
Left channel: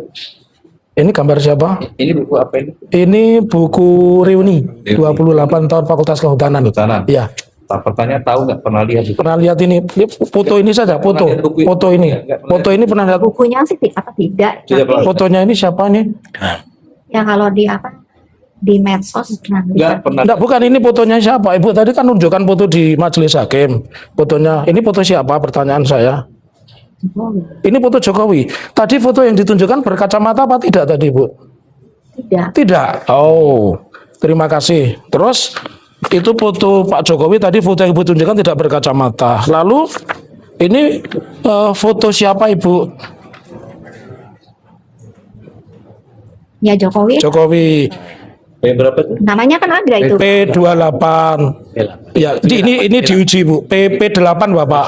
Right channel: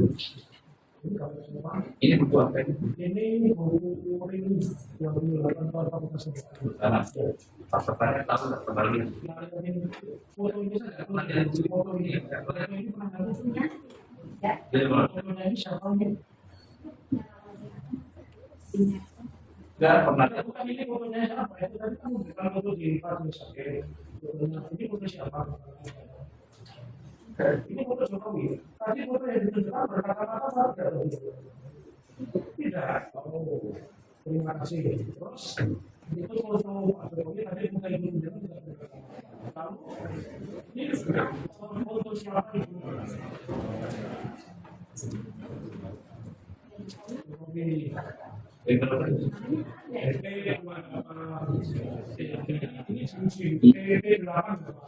Ini gambar siapa? Ini buku apa ini? Ini buku reuni 28 tahun Fakultas Kehutanan. Kehutanan. Iya. Pertanyaan tahu nggak pernah lihat itu? Pernah lihat ini foto ini saja, foto. Pernah lihat buku ini? Foto ini. Foto ini pernah lihat. Bukunya sih tidak. Tidak pernah. Fotonya ini siapa ini? Ya kalau di medsos pernah Enggak lihat. pernah. Enggak, bukan, ini fotonya siapa? Ibu tadi kan nunjukkan foto di majelis hakim. Fotonya, ini foto siapa? Pertanyaan saya. Ini foto Jokowi. Tadi foto yang ditunjukkan berkacamata apa tidak tadi, Bu? Tidak. Tidak. Oh, terima kasih. Terus itu foto Pak Jokowi tadi, foto yang Ibu tunjukkan tidak berkacamata. Lalu ini foto siapa, Ibu? Ya Jokowi. Jokowi. Berapa tuh? Namanya kan ada itu. P28. Ya, ini diuji Bu. P8 Bapak.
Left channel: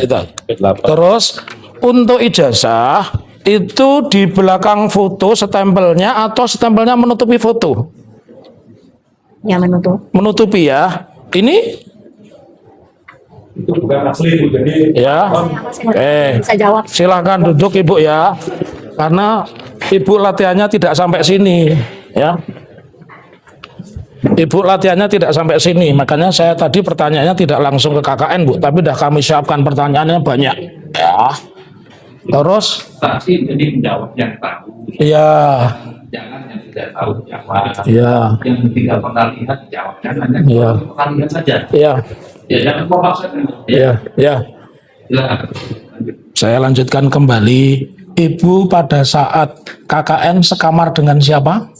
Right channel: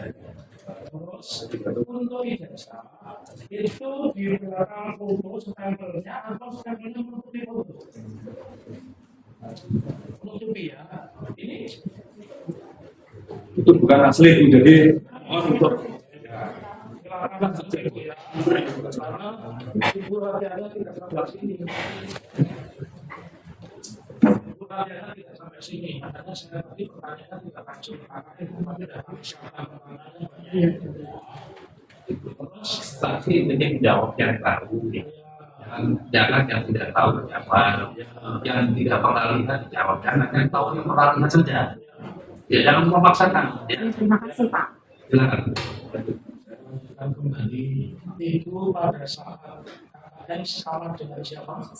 Itu. P8. Terus untuk ijazah itu di belakang foto stempelnya atau stempelnya menutupi foto? Ya menutup. Menutupi ya. Ini Itu bukan asli Bu, jadi ya. Bisa jawab. Silakan duduk Ibu ya. Karena Ibu latihannya tidak sampai sini ya. Ibu latihannya tidak sampai sini, makanya saya tadi pertanyaannya tidak langsung ke KKN Bu, tapi dah kami siapkan pertanyaannya banyak. Ya. Terus, Saksi jadi menjawab yang tahu. ya, Jangan yang tidak tahu jawab. ya, Yang tidak pernah lihat dijawab. Jangan yang tahu Ya. pernah lihat saja. ya, Ya jangan memaksakan. ya, ya. Silakan. Saya lanjutkan kembali. Ibu pada saat KKN sekamar dengan siapa?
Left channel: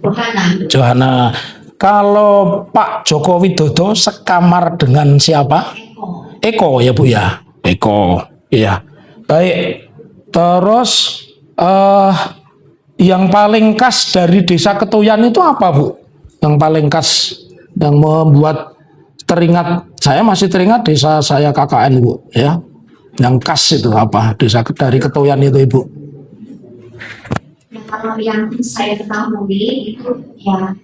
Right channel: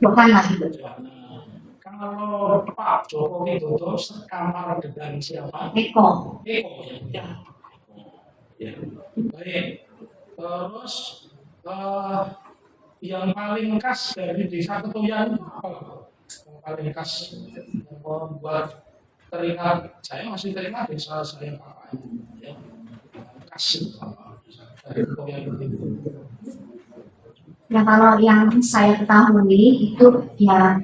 Yohana, Johana. Kalau Pak Joko Widodo sekamar dengan siapa? Eko, Eko ya Bu ya. Eko. Iya. Baik. Terus yang paling khas dari Desa Ketuyan itu apa Bu? Yang paling khas yang membuat teringat, saya masih teringat desa saya KKN Bu ya. Yang khas itu apa? Desa dari Ketuyan itu Ibu. ya kalau yang saya ketahui itu ya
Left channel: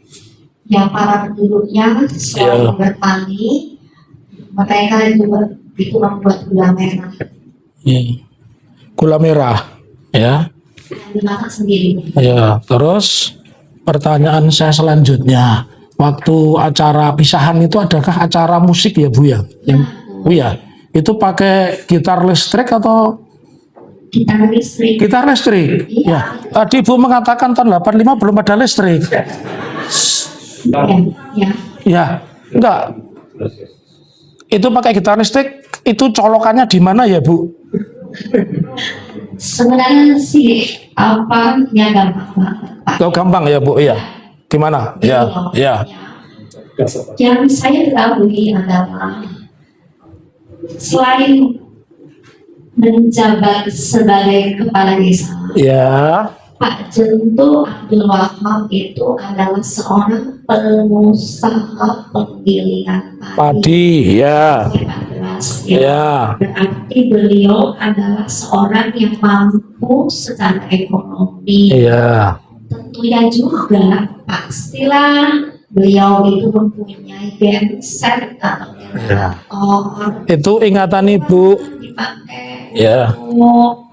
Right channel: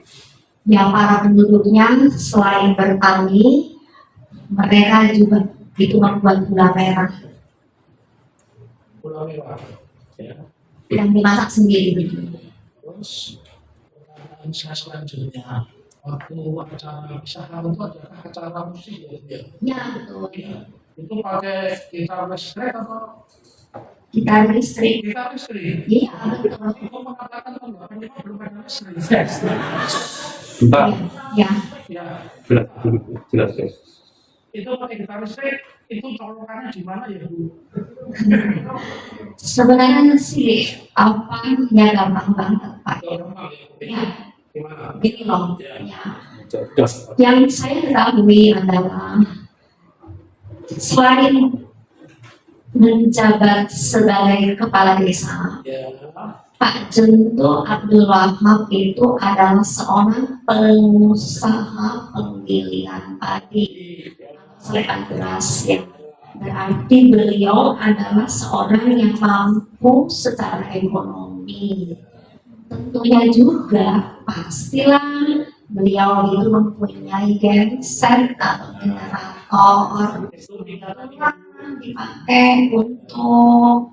para penduduknya selain bertani, mereka juga itu membuat gula merah Iya. Gula merah ya. yang dimasak sendiri. Ya, terus pertanyaan saya selanjutnya, waktu acara pisahan itu adakah acara musik ya Bu ya? Bu ya, itu pakai gitar listrik atau Gitar listrik. gitar listrik? Iya. Ya. Tadi Bu mengatakan tahun 85 belum ada listrik. Ya. Ya, enggak. Jelas, jelas. Itu pakai gitar listrik, itu colokannya di mana ya Bu? Sebenarnya sih gampang banget Pak. Oh, gampang ya Bu, iya. Gimana? Gitu Ya, loh. ya. Yang saya ketahui adalah selain menjabat sebagai kepala desa, Ya, Pak Jento Abdul Wahab itu adalah seorang pengusaha penggilingan padi. padi, ya. Selepan beras, ya. Ya, Berarti beliau adalah seorang yang mampu secara ekonomi. iya. Tentunya juga pastilah beliau itu mempunyai genset atau generator Itu ingatan Ibu. dipakai Ya. untuk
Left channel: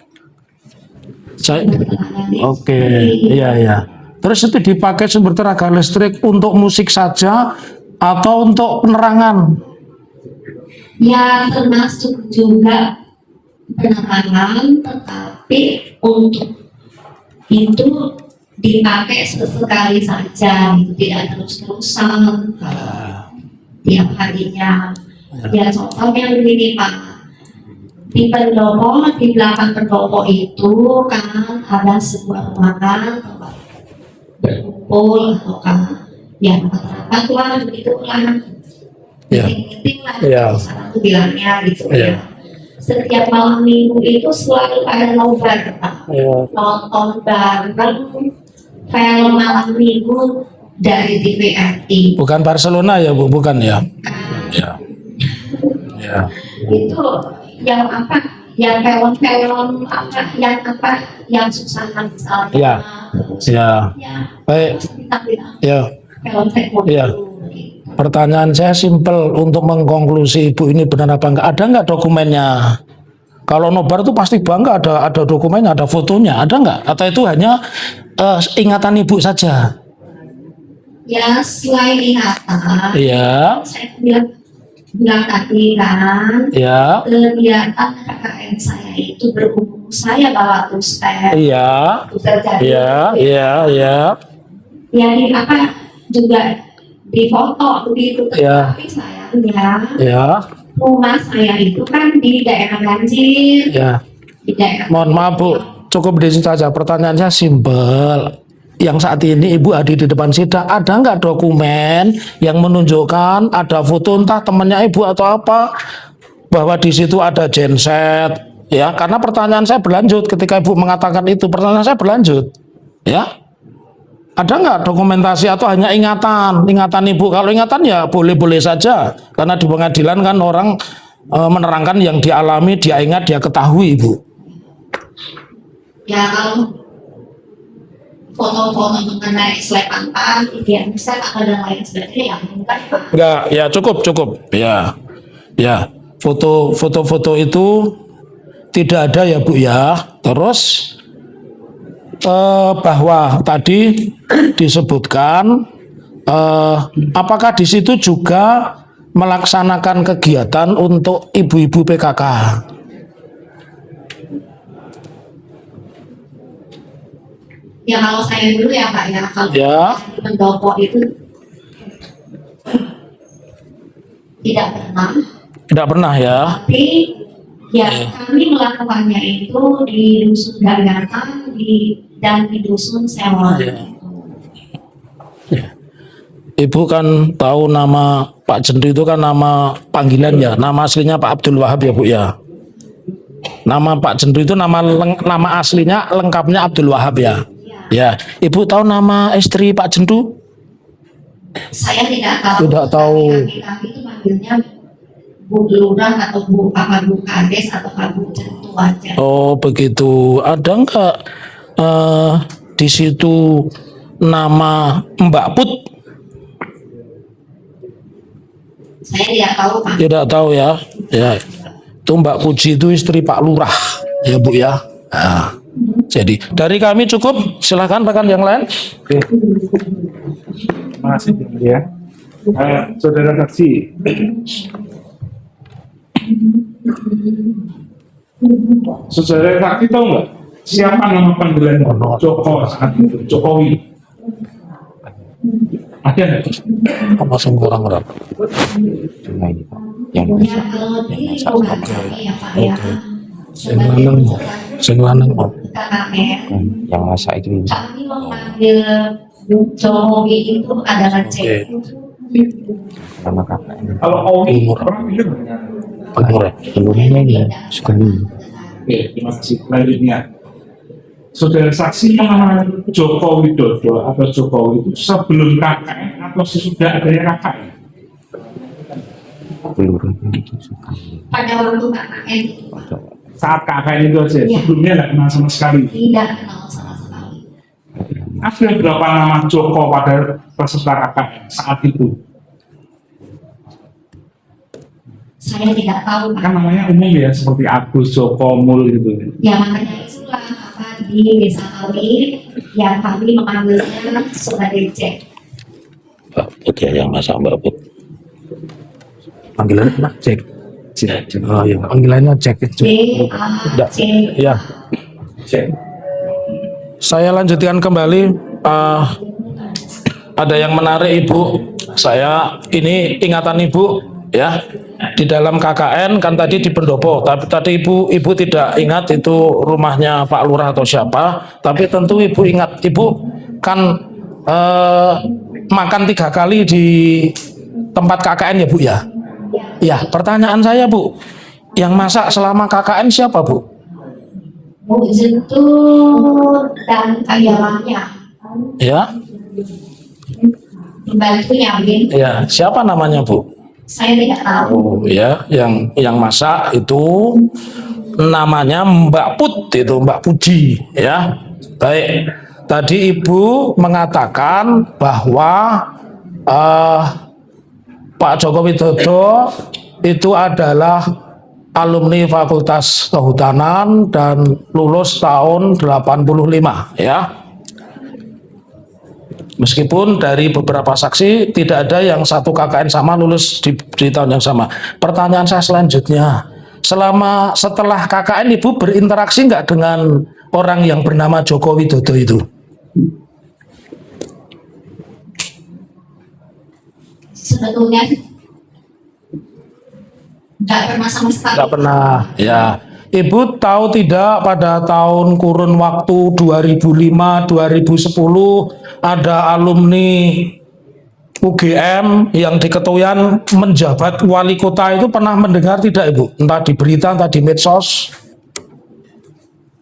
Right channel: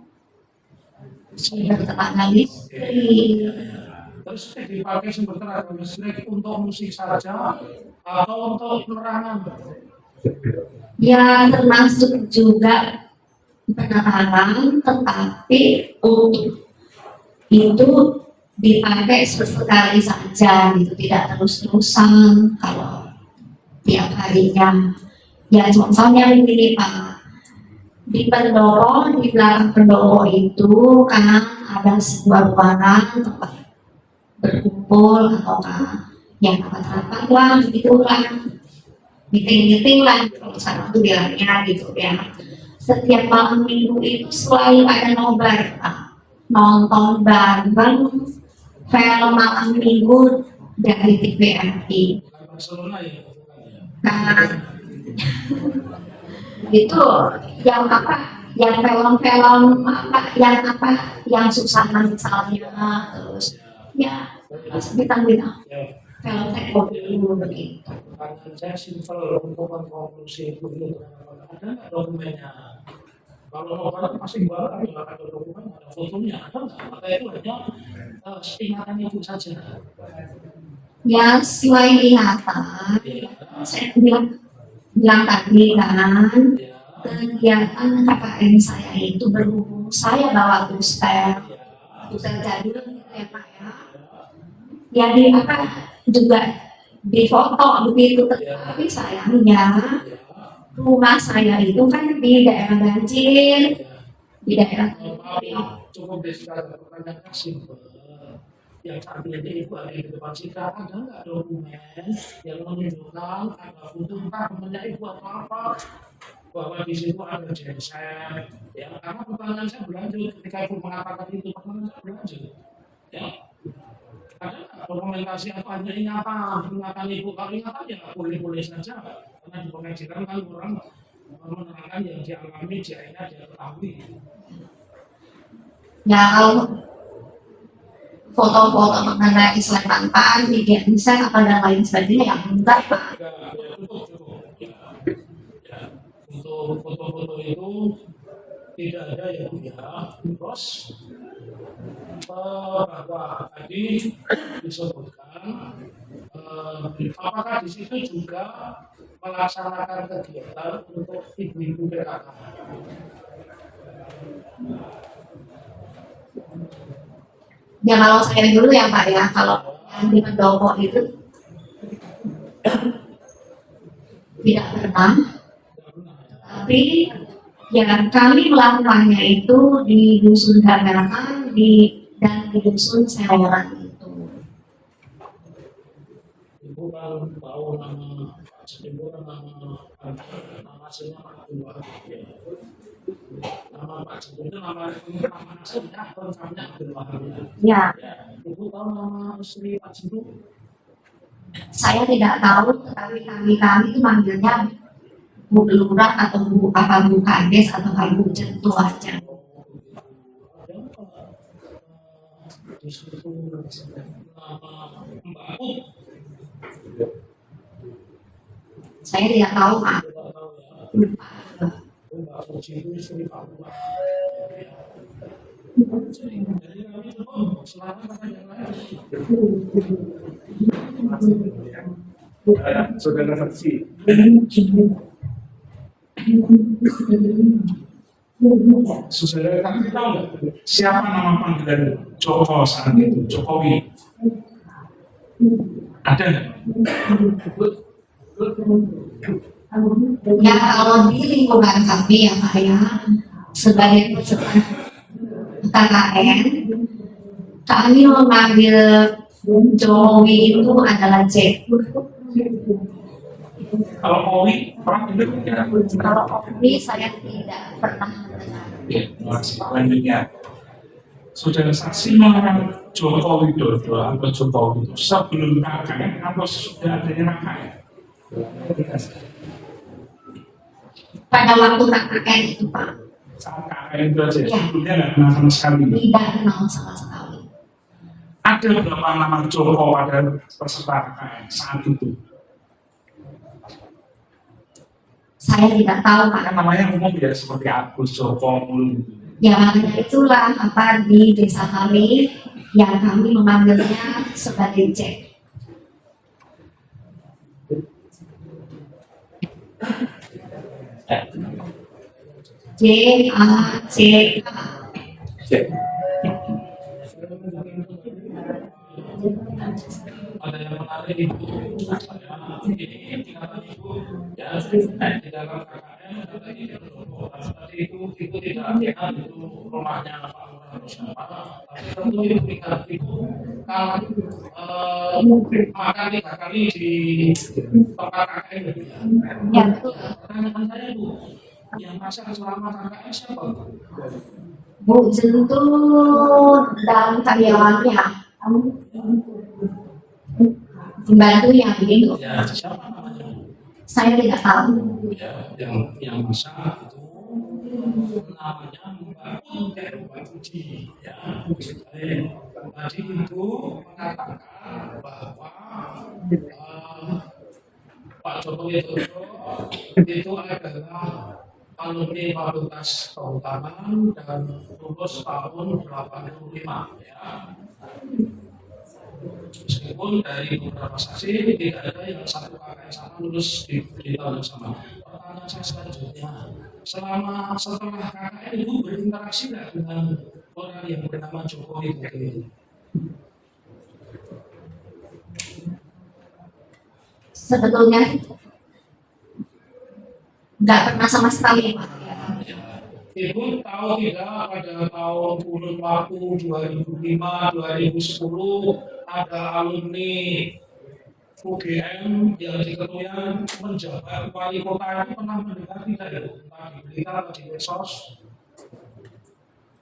Saya, bertenaga listrik. Oke, iya ya. Terus itu dipakai sumber tenaga listrik untuk musik saja atau untuk penerangan? Ya termasuk juga penerangan, tetapi untuk itu dipakai sesekali saja, gitu, tidak terus-terusan kalau tiap harinya. Ya contohnya begini Pak, di pendopo, di belakang pendopo itu kan ada sebuah ruangan tempat berkumpul atau kan ya rapat-rapat lah begitulah, Ya. meeting-meeting lah Ya. sekarang tuh bilangnya gitu Ya. ya. Setiap malam minggu itu selalu ada nobar Pak, Ya. nonton bareng film malam minggu dari TVRI Bukan Barcelona ya Bu, bukan ya? kan. Ya. Ya. Itu yang film-film yang Susana misalnya, Ya. terus Ya. Baik. bintang-bintang Ya. film teknik Ya. begitu. Pertanyaan saya simpel untuk mengkonklusi Ibu ini benar apa enggak? Ada enggak dokumennya? Kalau nobar itu pasti bangga ada dokumennya, ada fotonya, ada enggak? Atau itu hanya ingatan Ibu saja? Ya selain ingatan, Iya, saya bilang tadi kan, iya, kegiatan KKN saya itu berhubung saya bawa two-step, iya, jadi iya, iya, iya, ya juga difoto begitu, Iya. tetapi sayangnya iya, rumah saya itu kan di daerah banjir, iya. di daerah. Mohon maaf Bu, cukup di situ saja. Pertanyaannya simpel. Yang saat ini Ibu hadir di depan sidang, ada nggak dokumen yang menunjukkan ada foto entah temannya Ibu atau apa bahwa di situ ada genset, ya? Karena pertanyaan saya berlanjut ketika Ibu mengatakan itu, pertanyaan saya berlanjut, ya? Ada nggak dokumentasi atau hanya ingatan Ibu? Kalau ingatan ya boleh-boleh saja, karena di pengadilan kan orang menerangkan yang dialami, dia ingat, dia ketahui Ibu. Ya kalau foto-foto mengenai selepan padi, genset atau dan lain sebagainya ya enggak Pak. Enggak, ya cukup. Ya. Ya, foto-foto itu tidak ada ya Bu ya. Terus bahwa tadi disebutkan apakah di situ juga melaksanakan kegiatan untuk ibu-ibu PKK? Ya kalau saya dulu ya Pak ya, kalau Ya. di pendopo itu tidak pernah, Tidak pernah ya. tapi ya kami melakukannya itu di dusun Gagatan dan di dusun Seworan itu. Ibu kan tahu nama Pak Jendri itu kan nama panggilan ya, nama aslinya Pak Abdul Wahab ya Bu ya. Nama Pak Jendri itu nama aslinya lengkapnya Abdul Wahab ya. Ya, Ya, Ibu tahu nama istri Pak Jendru? saya tidak tahu. Tidak tahu. Kami itu manggilnya Bu Lurah atau Bu Kades atau Bu Jentu aja. Oh begitu. Ada enggak di situ nama Mbak Put? Saya tidak tahu Pak. Tidak tahu ya. Ya. Itu Mbak Puji itu istri Pak Lurah ya Bu ya. Nah, jadi dari kami cukup. Silakan rekan yang lain. Terima kasih ya. Saudara saksi. Saudara saksi tahu nggak siapa nama panggilan Joko saat itu? Jokowi. Ada nggak? Langsung orang-orang. Ya kalau di lingkungan kami ya Pak ya, sebagai peserta Sing lanang mau. KKN, yang masa itu kami memanggil Jokowi itu adalah Jack. nama kakak Kalau Owi orang itu Umur. Tapi saya tidak pernah. Oke, terima kasih. Selanjutnya, saudara saksi mengenai Joko Widodo atau Jokowi itu sebelum KKN atau sesudah adanya KKN? peluru Pada waktu KKN itu Pak, Saat KKN itu aja, Iya. sebelumnya nggak kenal sama sekali. tidak kenal sama sekali. Ada berapa nama Joko pada peserta KKN saat itu? Saya tidak tahu Pak. Kan namanya umum ya, seperti Agus, Joko, Mul gitu. Ya makanya itulah apa di desa kami yang kami memanggilnya sebagai Jack. Mbak Put ya yang masa Mbak Put. Panggilannya apa? Cek. Oh iya, panggilannya cek. J A C. Ya. Cek. Saya lanjutkan kembali. Ada yang menarik Ibu. Saya ini ingatan Ibu ya di dalam KKN kan tadi di pendopo. Tapi tadi Ibu tidak ingat itu rumahnya Pak Lurah atau siapa. Tapi tentu Ibu ingat. Ibu kan makan 3 kali di tempat KKN ya Bu ya. Ya, Ya, pertanyaan saya Bu, yang masak selama KKN siapa Bu? Bu Jentu dan karyawannya, Ya, pembantunya gitu. ya, siapa namanya Bu? Saya tidak tahu. Oh, ya, yang masak itu namanya Mbak Put itu Mbak Puji ya. Baik, tadi Ibu mengatakan bahwa Pak Joko Widodo itu adalah alumni Fakultas Kehutanan dan lulus tahun 85 ya. Meskipun dari beberapa saksi tidak ada yang satu KKN sama lulus di tahun yang sama. Pertanyaan saya selanjutnya, setelah KKN Ibu berinteraksi nggak dengan orang yang bernama Joko Widodo itu? Sebetulnya nggak pernah sama sekali. Nggak pernah. Ya, Ibu tahu tidak pada tahun kurun waktu 2005-2010 ada alumni UGM yang di Ketuyan menjabat wali kota itu pernah mendengar tidak Ibu? Entah di berita, entah di medsos.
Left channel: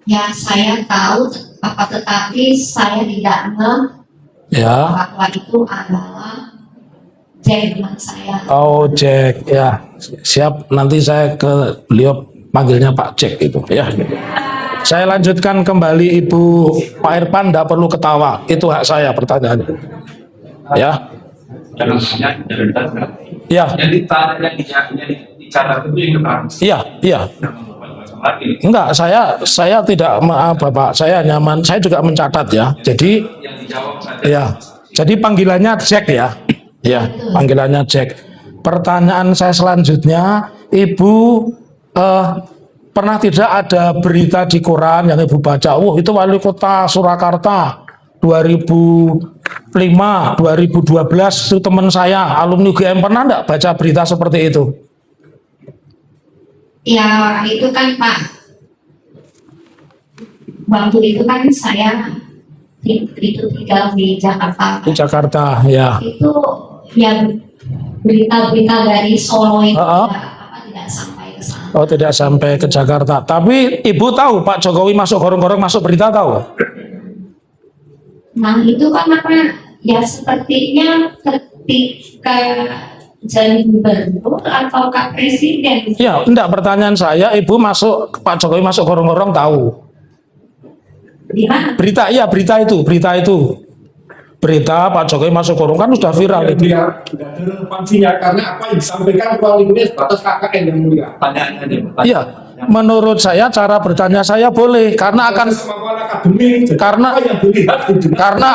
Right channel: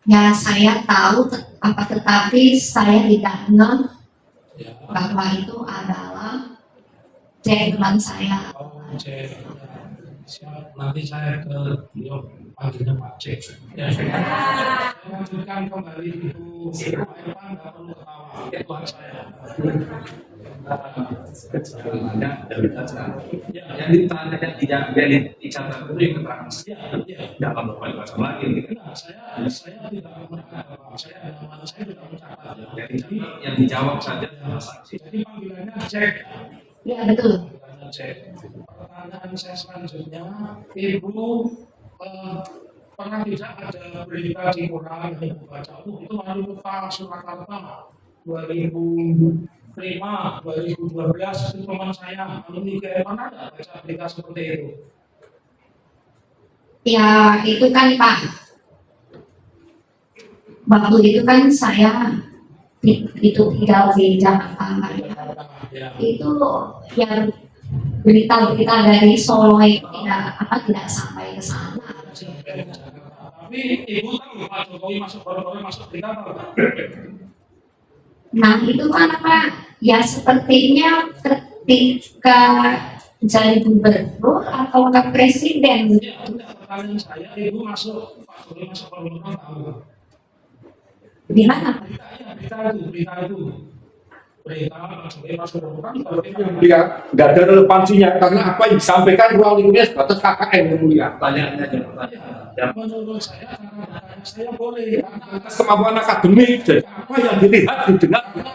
Ya saya tahu, tetapi saya tidak ngeh Ya. bahwa itu adalah Jack teman saya. Oh Jack, ya siap. Nanti saya ke beliau panggilnya Pak Jack itu ya. Saya lanjutkan kembali Ibu Pak Irfan, tidak perlu ketawa. Itu hak saya pertanyaannya. Ya. Jangan banyak dan sekarang. Ya, Yang dicatat itu yang keterangan. iya. Jangan lupa dipasang lagi. Enggak, saya tidak, maaf Bapak, saya nyaman, saya juga mencatat ya. Jadi, Yang dijawab saja. ya, jadi panggilannya Jack ya. Ya, panggilannya Jack. Pertanyaan saya selanjutnya, Ibu pernah tidak ada berita di koran yang Ibu baca? Itu wali kota Surakarta 2005, 2012 itu teman saya, alumni UGM, pernah enggak baca berita seperti itu? Ya itu kan Pak, waktu itu kan saya itu tinggal di Jakarta. Di Jakarta, ya. Itu ya berita-berita dari Solo itu Uh-uh. tidak sampai ke sana. Oh, tidak sampai ke Jakarta. Tapi Ibu tahu Pak Jokowi masuk gorong-gorong masuk berita, tahu? Nah itu kan ya sepertinya ketika jadi gubernur atau presiden. Ya, enggak, pertanyaan saya, Ibu masuk, Pak Jokowi masuk gorong-gorong tahu? Di mana? Berita, iya berita itu. Berita Pak Jokowi masuk gorong kan sudah viral itu. Ya, nggak ada relevansinya karena apa yang disampaikan ruang lingkupnya sebatas KKN yang mulia. Pertanyaannya aja. Pak. Iya, menurut saya cara bertanya saya boleh karena akan Kemampuan akademik, jadi Karena- apa yang dilihat didengar. karena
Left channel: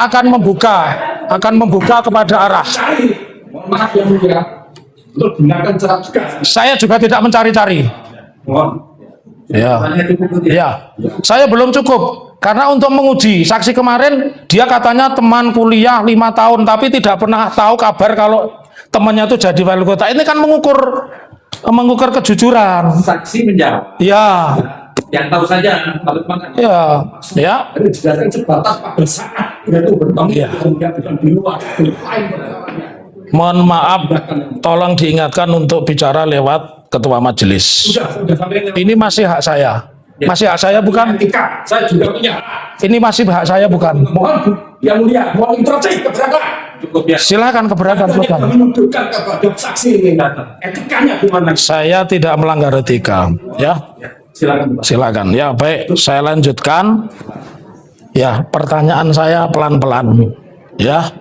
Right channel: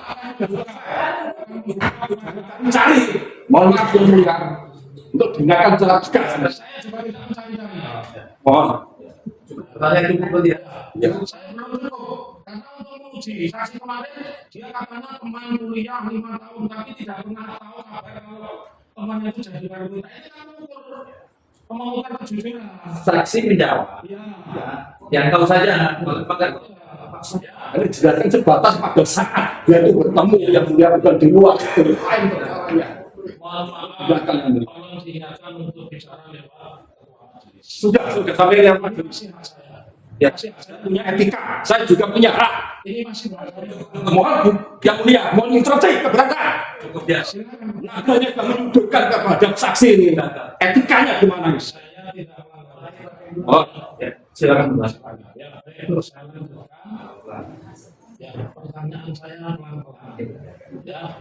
akan membuka kepada arah. Cari, mohon maaf ya mulia, untuk gunakan cara juga. Saya juga tidak mencari-cari. Mohon. Ya. Pertanyaan cukup ya. Ya, saya belum cukup karena untuk menguji saksi kemarin dia katanya teman kuliah 5 tahun tapi tidak pernah tahu kabar kalau temannya itu jadi wali kota. Ini kan mengukur kejujuran. Saksi menjawab. Ya, Yang tahu saja. Kalau memang nggak- ya. Ini dijelaskan sebatas pada saat dia itu bertemu Iya. yang mulia bukan di luar. Di lain perkaranya. Mohon maaf, tolong diingatkan untuk bicara lewat ketua majelis. Sudah sampai yang Ini masih hak saya. Masih hak saya bukan? etika. Saya juga punya hak. Ini masih hak saya bukan? Mohon yang mulia, mohon introduksi keberatan. Cukup ya. Silakan keberatan, Ini silakan. menunjukkan kepada saksi ini etikanya gimana? Saya tidak melanggar etika, ya. Ya, silakan. Pak. Silakan. Ya, baik, saya lanjutkan. Ya, pertanyaan saya pelan-pelan. Ya.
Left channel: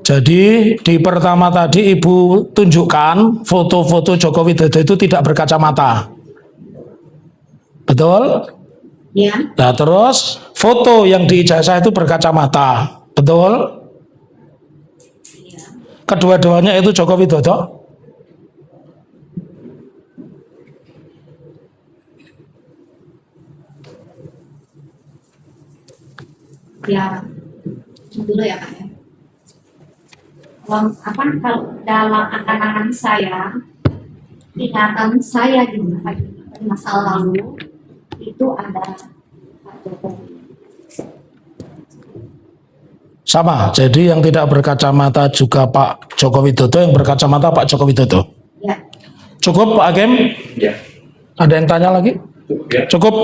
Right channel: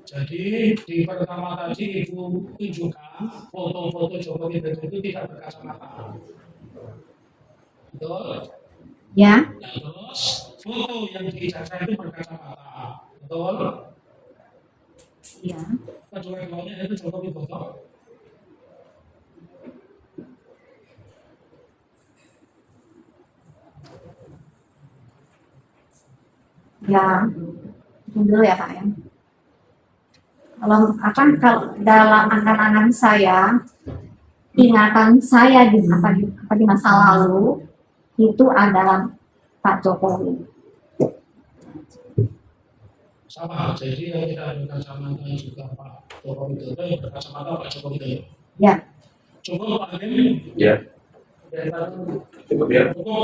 Jadi di pertama tadi Ibu tunjukkan foto-foto Joko Widodo itu tidak berkacamata. Betul? Ya, Nah, terus foto yang di ijazah itu berkacamata. Betul? ya. Kedua-duanya itu Joko Widodo. Ya, dulu ya Pak ya. Kalau dalam angan-angan saya, ingatan saya di masa lalu itu adalah Pak Jokowi. Sama, jadi yang tidak berkacamata juga Pak Joko Widodo, yang berkacamata Pak Joko Widodo. Ya, Cukup Pak Hakim? Ya, Ada yang tanya lagi? cukup ya. Cukup?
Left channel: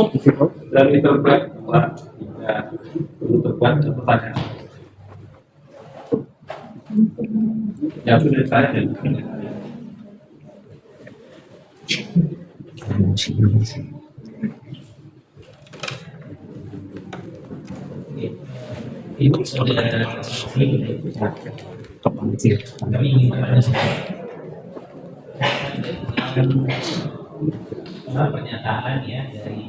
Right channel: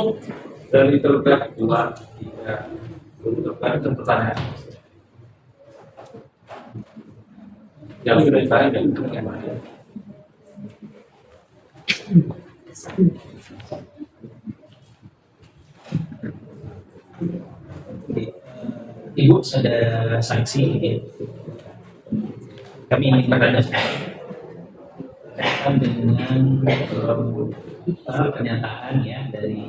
Dari tergugat 2, 3, tergugat ke pertanyaan. Yang sudah ditanya dan pertanyaan. Ibu ada sanksi kami ingin bertanya dengan pernyataan ya dari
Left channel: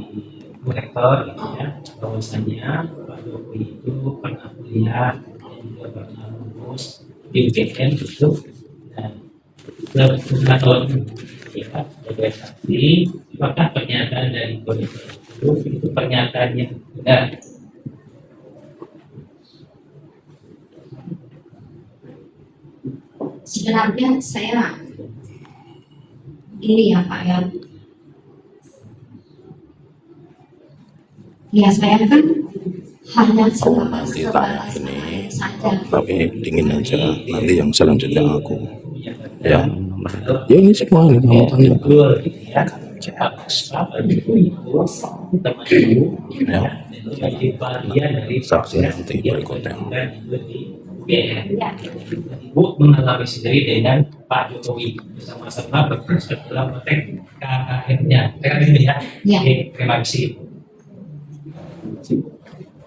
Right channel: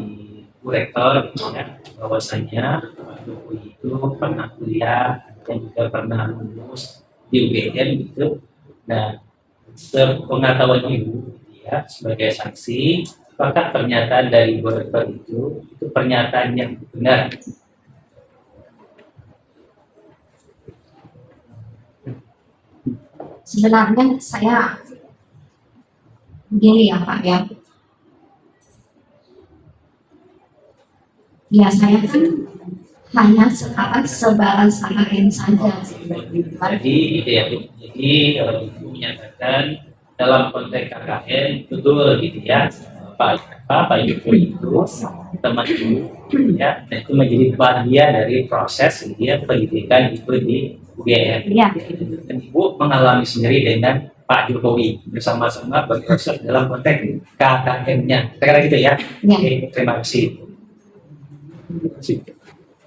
Bu Rektor gitu ya, bahwasanya Pak Jokowi itu pernah kuliah dan juga pernah lulus di UGM gitu. Nah, sepengetahuan Ibu ya sebagai saksi, apakah pernyataan dari Bu Rektor itu pernyataan yang benar? sebenarnya saya begini ya Pak ya. Ya saya kan hanya sebatas AKN saja. Oke, dingin aja. Jadi, Nanti yang selanjutnya. menyatakan dalam Ya, ini konteks semua yang AKN, mau betul gitu ya. Pak Jokowi itu teman ibu ya, dan itu menjadi bagian dari proses dia pendidikan itu di UGM. Ya, Dan ibu mengalami sendiri dengan Pak Jokowi bersama-sama berproses dalam konteks KKN-nya. Kira gitu ya. ya. Oke, terima kasih.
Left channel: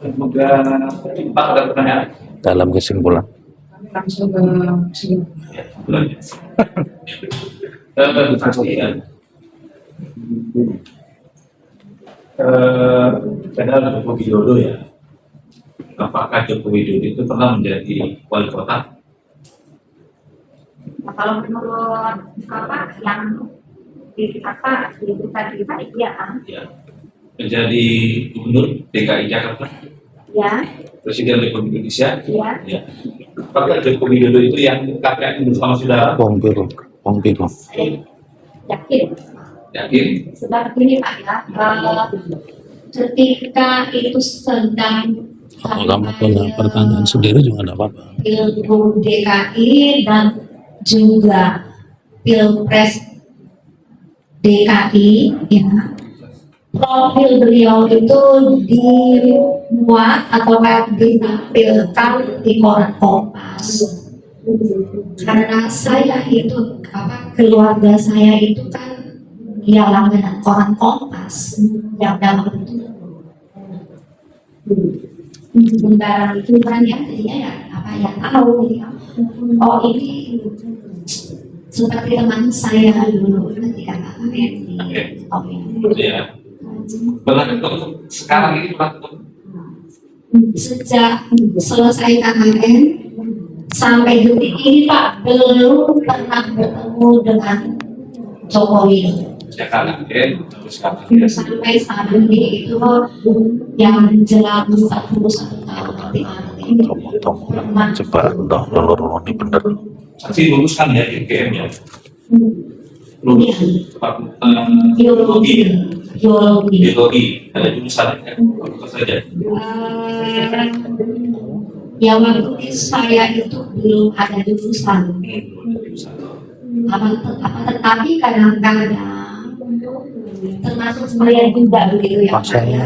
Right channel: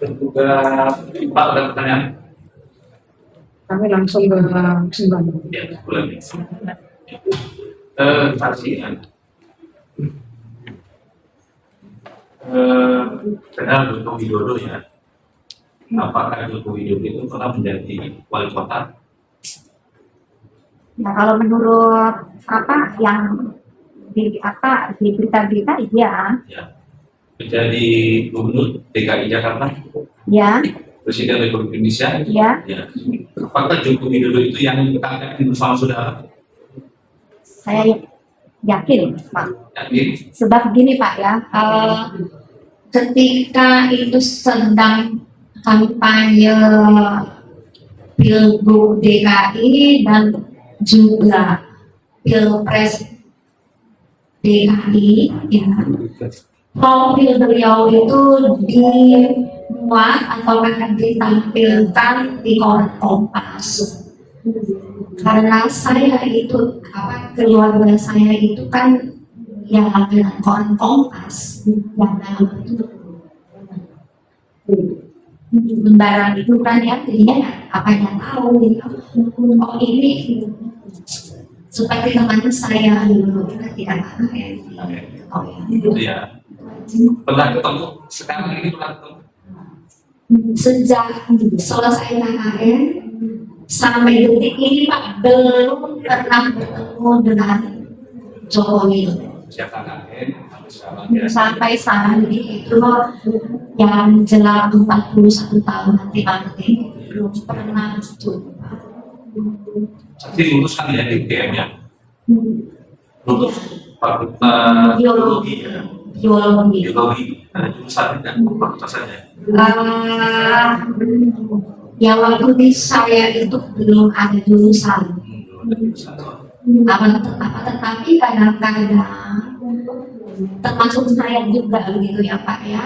Semoga Pak ada pertanyaan. Dalam kesimpulan. Kami langsung ke kesimpulan. Ya, bulan. Pastikan. Kenal Joko Widodo ya. Apakah Joko Widodo itu pernah menjadi wali kota? Nah, kalau menurut apa yang di berita-berita, iya, Ya. Menjadi gubernur DKI Jakarta, ya, Presiden Republik Indonesia. ya. Ya. Apakah Joko Widodo itu yang kakek bersama saudara? Wong biru, wong biru. Saya yakin, Pak. Yakin? Sebab gini, Pak ya, ketika itu sedang Kamu kampanye punya pertanyaan sendiri juga nggak apa-apa. Pilgub DKI dan juga Pilpres DKI, ya, profil beliau itu dimuat atau ditampilkan di koran Kompas. Karena saya itu keluarga saya itu kan ya langganan koran Kompas yang dalam bentuk lembaran itu kan ya, jadinya ya apa yang tahu gitu. Oh ini seperti teman saya dulu tidak apa yang di oh Itu ya. Pernah ketemu? Sekarang ini pernah ketemu? sejak selesai KKN sampai detik ini Pak belum pernah bertemu dengan Joko Widodo. Sekarang kan, sekarang ya. Sampai saat ini itu yang jelas 41 tahun nanti pernah Coba entah loro ini bener. Saksi lulus kan ya di UGM ya? Iya. Lulus Fakultas Biologi. ya? Biologi. Biologi, ada jurusan kan? Fakultas saja. Ya waktu di saya itu belum ada jurusan. Belum ada jurusan. Tetapi kadang-kadang termasuk saya juga begitu ya Pak ya,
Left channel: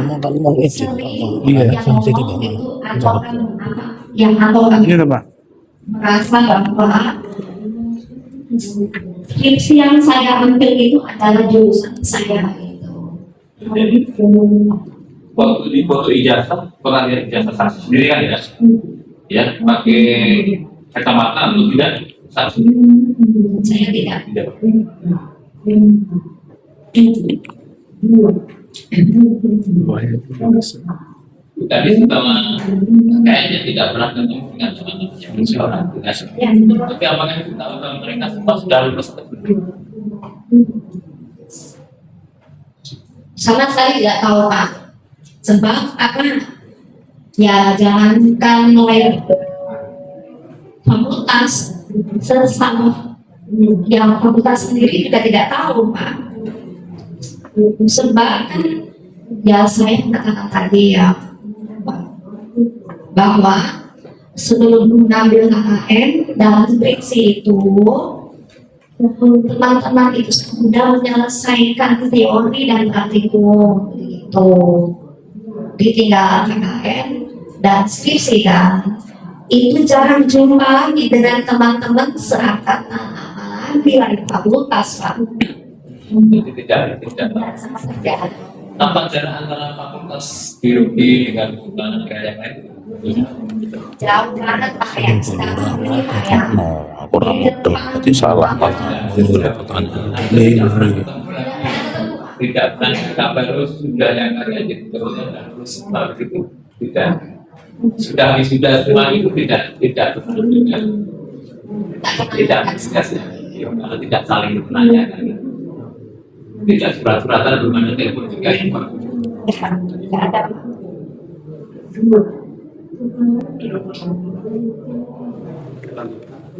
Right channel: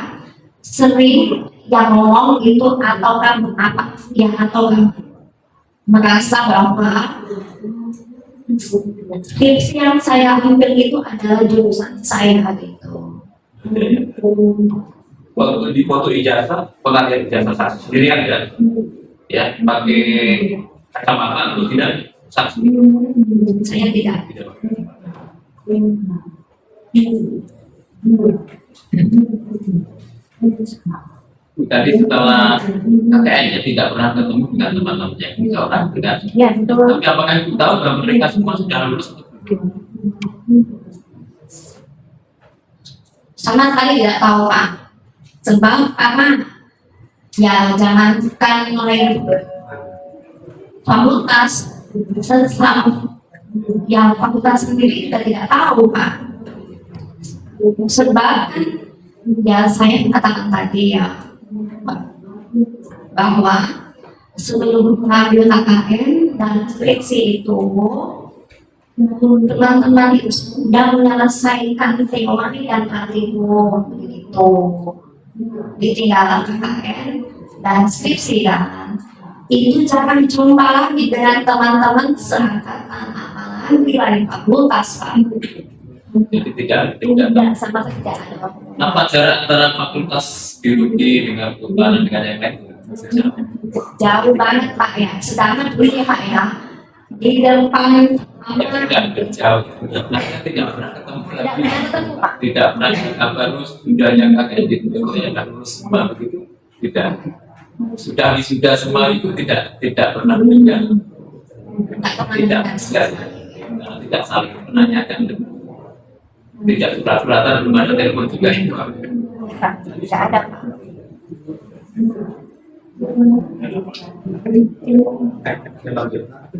sering yang ngomong itu atau kan apa yang atau kan merasa bahwa skripsi yang saya ambil itu adalah jurusan saya gitu. Waktu di foto ijazah, pernah lihat ijazah saksi sendiri kan ya? Ya, pakai kacamata atau tidak? Saksi. Saya tidak. Tidak. Tadi setelah KKN tidak pernah ketemu dengan teman-teman yang seorang tidak. Ya, betul. Tapi apakah ibu tahu bahwa mereka semua sudah lulus atau belum? Sama sekali tidak tahu Pak. Sebab apa? Ya jangankan mulai fakultas, sesama yang fakultas sendiri juga tidak tahu Pak. Sebab kan ya saya katakan tadi ya bahwa sebelum mengambil KKN dalam skripsi itu teman-teman itu sudah menyelesaikan teori dan praktikum begitu, ditinggal KKN dan skripsi kan itu jarang jumpa lagi dengan teman-teman seangkatan apalagi lain fakultas Pak. Jadi tidak Sama saja ada apa jarak antara fakultas biologi dengan kehutanan dengan yang lain? jauh banget Pak ya. Sekarang ini Pak ya Aku di depan salah. Tidak jauh. Tidak pernah ketemu Pak. Tidak pernah kabar sudah yang kakek yang lulus semua begitu. Tidak. Sudah wisuda semua itu tidak pernah tidak saling menanyakan. Tidak surat-suratan, belum ada telepon juga itu. tidak ada Pak.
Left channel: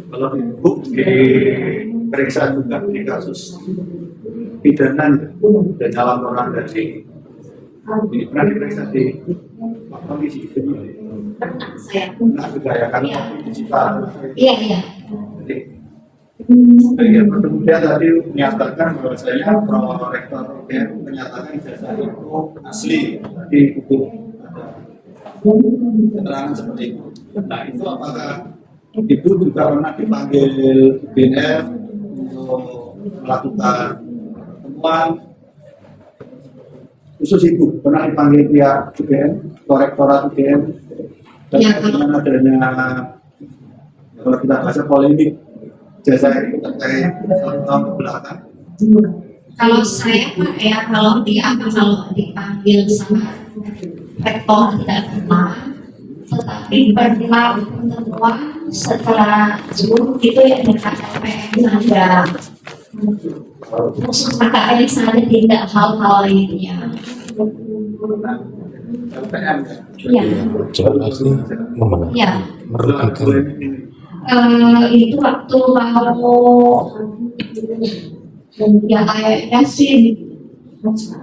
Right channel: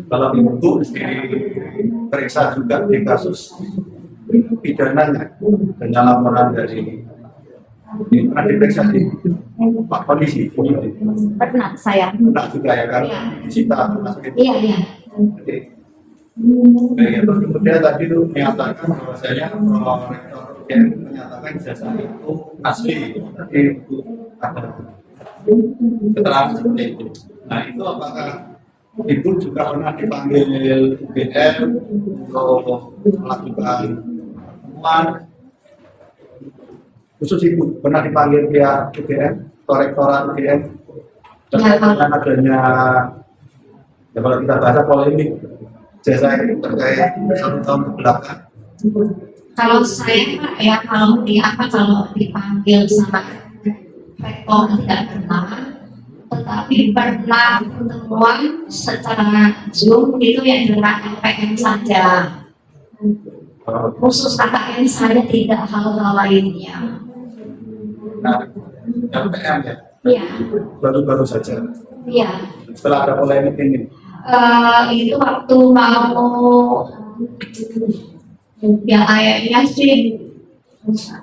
Kalau itu diperiksa juga di kasus pidananya dan laporan dari ini pernah diperiksa di Pak Polisi Pernah saya. pernah juga ya kan Iya. disita Iya. jadi terus kemudian tadi menyatakan bahwasanya Rektor UGM menyatakan ijazah itu asli tadi untuk ada keterangan seperti itu. Nah itu apakah Ibu juga pernah dipanggil BNN untuk melakukan pertemuan khusus Ibu pernah dipanggil pihak UGM atau Rektorat UGM terkait dengan adanya Ya, kalau kita bahasa polemik, jasa ini terkait 1 tahun ke belakang. Kalau saya Pak ya, kalau dipanggil sama rektor tidak pernah, tetapi pernah pertemuan secara Zoom itu ya dengan LPM saja, khusus KKN saja, tidak hal-hal lainnya. Nah, LPM ya, Iya, baru saja. iya. Setelah ada polemik ini, Itu waktu mau ya kayaknya sih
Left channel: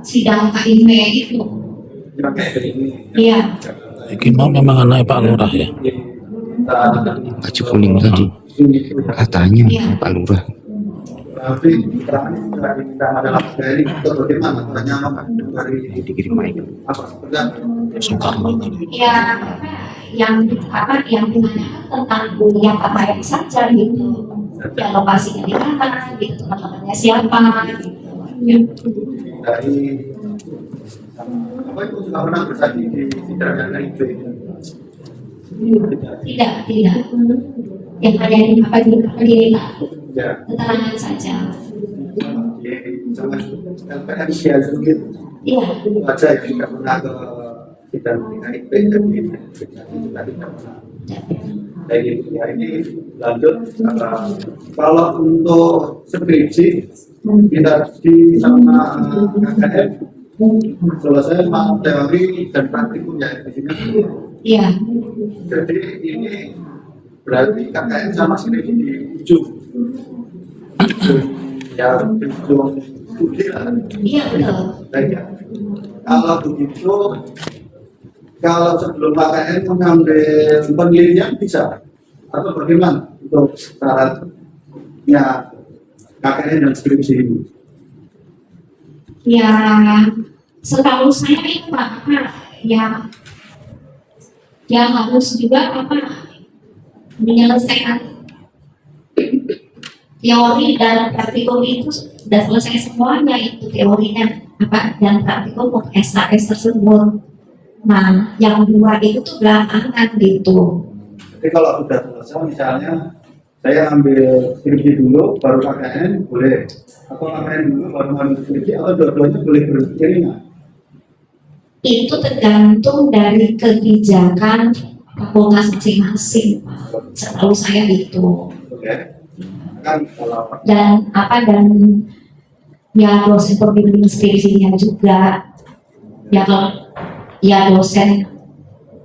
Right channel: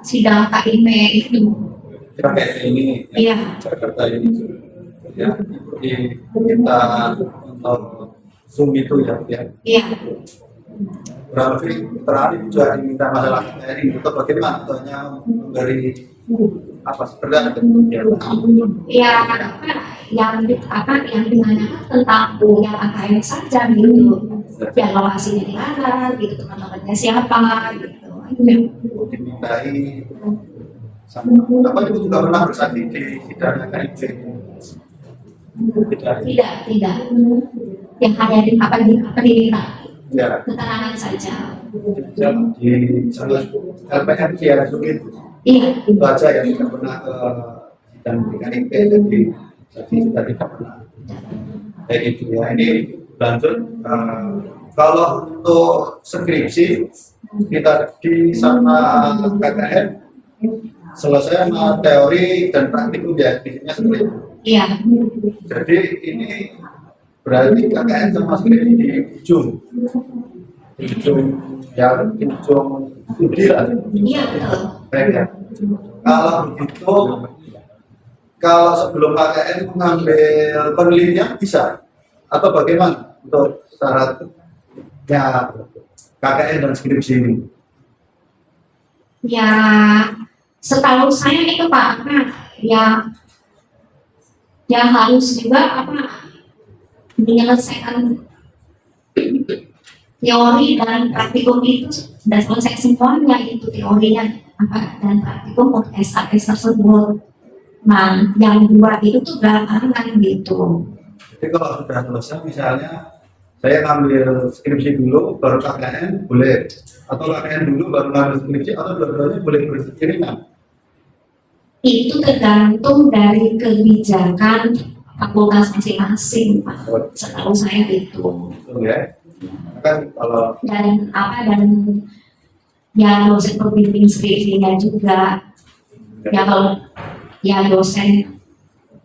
sidang KIM itu. kita kayak ini, Iya. Jakarta ini. Gimana memang anaknya Pak Lurah ya? Kita baju kuning tadi Zoom itu ya. katanya Iya. Pak Lurah. Kurang lebih terakhir juga diminta masalah dari itu bagaimana? Atau hanya dari apa seperti Ya Soekarno tadi. Ya yang ditanyakan tentang yang apa yang saja gitu. Ya lokasinya di mana, gitu, teman-temannya siapa, gitu. dimintai apa itu juga pernah bersaksi di sidangnya KIP. Tidak. Yang hanya di Ya, keterangan saja. di sangat LPM ya sulit. Iya. Itu aja yang tidak pernah ke sidang di KIP, jadi bersaksi juga tidak pernah. Kayak gitu ya. Ini lanjut. Kalau untuk skripsi kita di sama KKN selesai teori dan praktikum ya isinya seperti itu. Iya. Jadi ini berarti KKN sama skripsi di ujung ya, ujung studi lah. Iya betul. Baik ya. Kalau begitu, kalau sebelum KKN mengambil penelitian bisa atau bagaimana untuk syaratnya KKN dan skripsi ini? Ya setahu saya itu Pak, ya harus juga menyelesaikan teori dan praktikum itu sudah selesai semuanya, itu teorinya dan praktikum untuk SHS tersebut. Nah yang 2 itu tuh belakangan gitu. Jadi kalau sudah selesai, misalnya saya ngambil skripsi dulu, baru KKN boleh, atau KKN dulu baru ngambil skripsi, atau dua-duanya boleh beriringan. Itu tergantung dari kebijakan fakultas masing-masing, Pak. Setahu saya itu. Betul ya? Kan kalau Dan ya dosen pembimbing skripsinya juga. Ya kalau ya dosen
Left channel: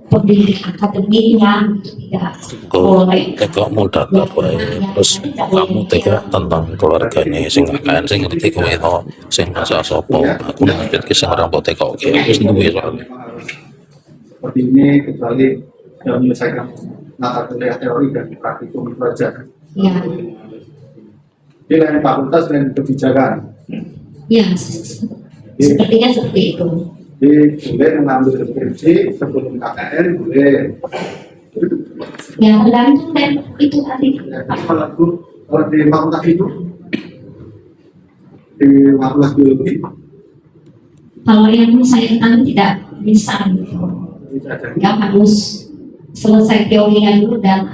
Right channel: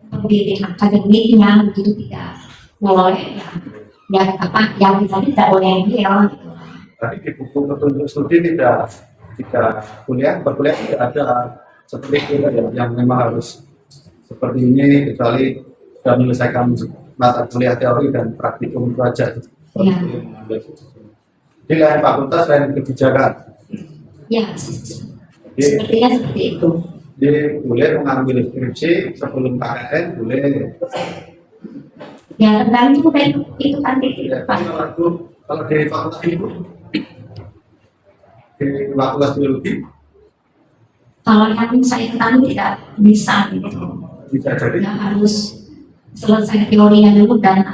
pembimbing akademiknya begitu tidak boleh. Teko muda Ya, kowe. yang Terus tadi tidak boleh kamu teko bilang. tentang keluarganya sing KKN sing ngerti kowe to sing bahasa sapa atau ngepet ki sing ora mbok teko ki wis duwe yang memang harus seperti ini, kecuali sudah menyelesaikan mata kuliah teori dan praktikum itu aja. Ya. Di lain fakultas dan kebijakan. Ya, sepertinya seperti itu. Jadi boleh mengambil skripsi sebelum KKN boleh. Ya tergantung dari itu tadi, Ya, Pak. kalau di fakultas itu di fakultas biologi Kalau yang saya ketahui tidak bisa gitu. bisa jadi Yang harus selesai teorinya dulu dan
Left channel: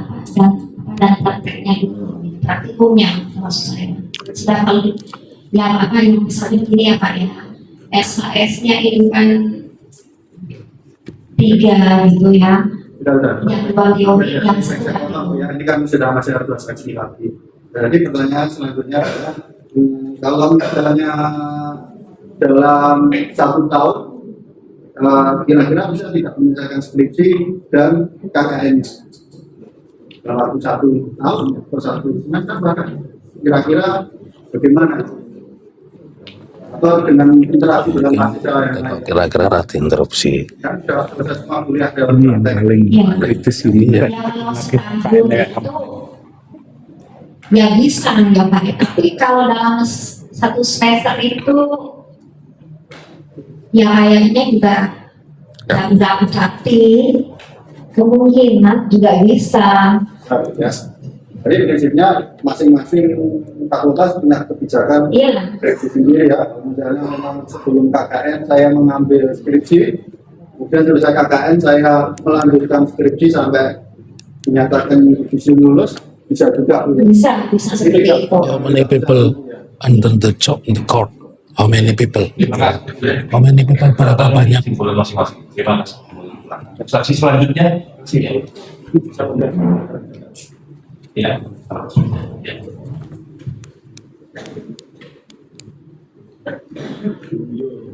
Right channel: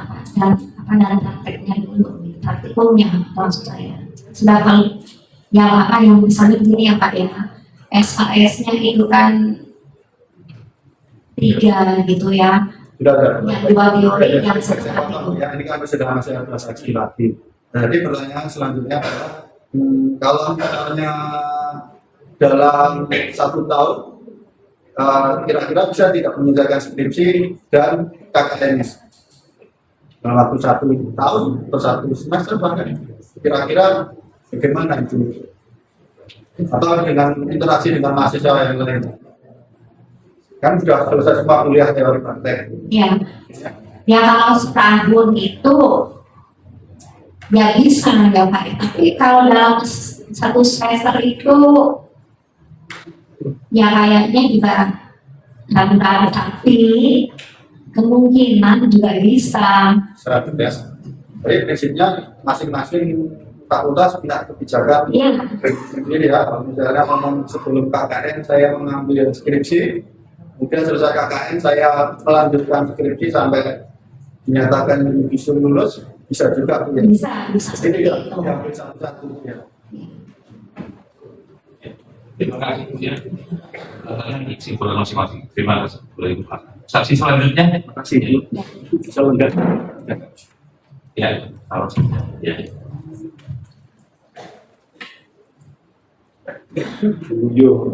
prakteknya dulu, praktikumnya maksud saya. Sedangkan yang misalnya begini ya Pak ya, SHS-nya itu kan 3 gitu ya. sudah. Yang 2 teori, Ya, yang 1 saya praktikum. ya, ini kan sudah masih ada saksi lagi. Jadi pertanyaan selanjutnya adalah kalau misalnya dalam 1 tahun kira-kira bisa tidak menyelesaikan skripsi dan KKN-nya dalam waktu 1 tahun atau 1 semester bahkan kira-kira bagaimana itu? Atau dengan interaksi dengan mahasiswa yang lain? kira-kira rada interupsi. Kan sudah selesai semua kuliah teori praktek. Ya. Itu sih. Ya kalau setahun itu ya bisa ya Pak. Tapi kalau dalam 1 semester itu ya kayaknya juga ragu-ragu, tapi kemungkinan juga bisa. Selanjutnya, jadi prinsipnya masing-masing fakultas punya kebijakan Iya. skripsi sendiri ya. Kalau misalnya memang sebelum KKN saya mengambil skripsi, kemudian selesai KKN saya melanjutkan skripsi sampai dinyatakan visum lulus, bisa juga Bisa seperti itu. How many people under the job in the court? How many people? How many people? Berapa banyak? Kesimpulan masing-masing. Terima kasih. Boleh dibuka. Saksi selanjutnya. Makasih ya. Saya undang. Ya. Ya. Yo,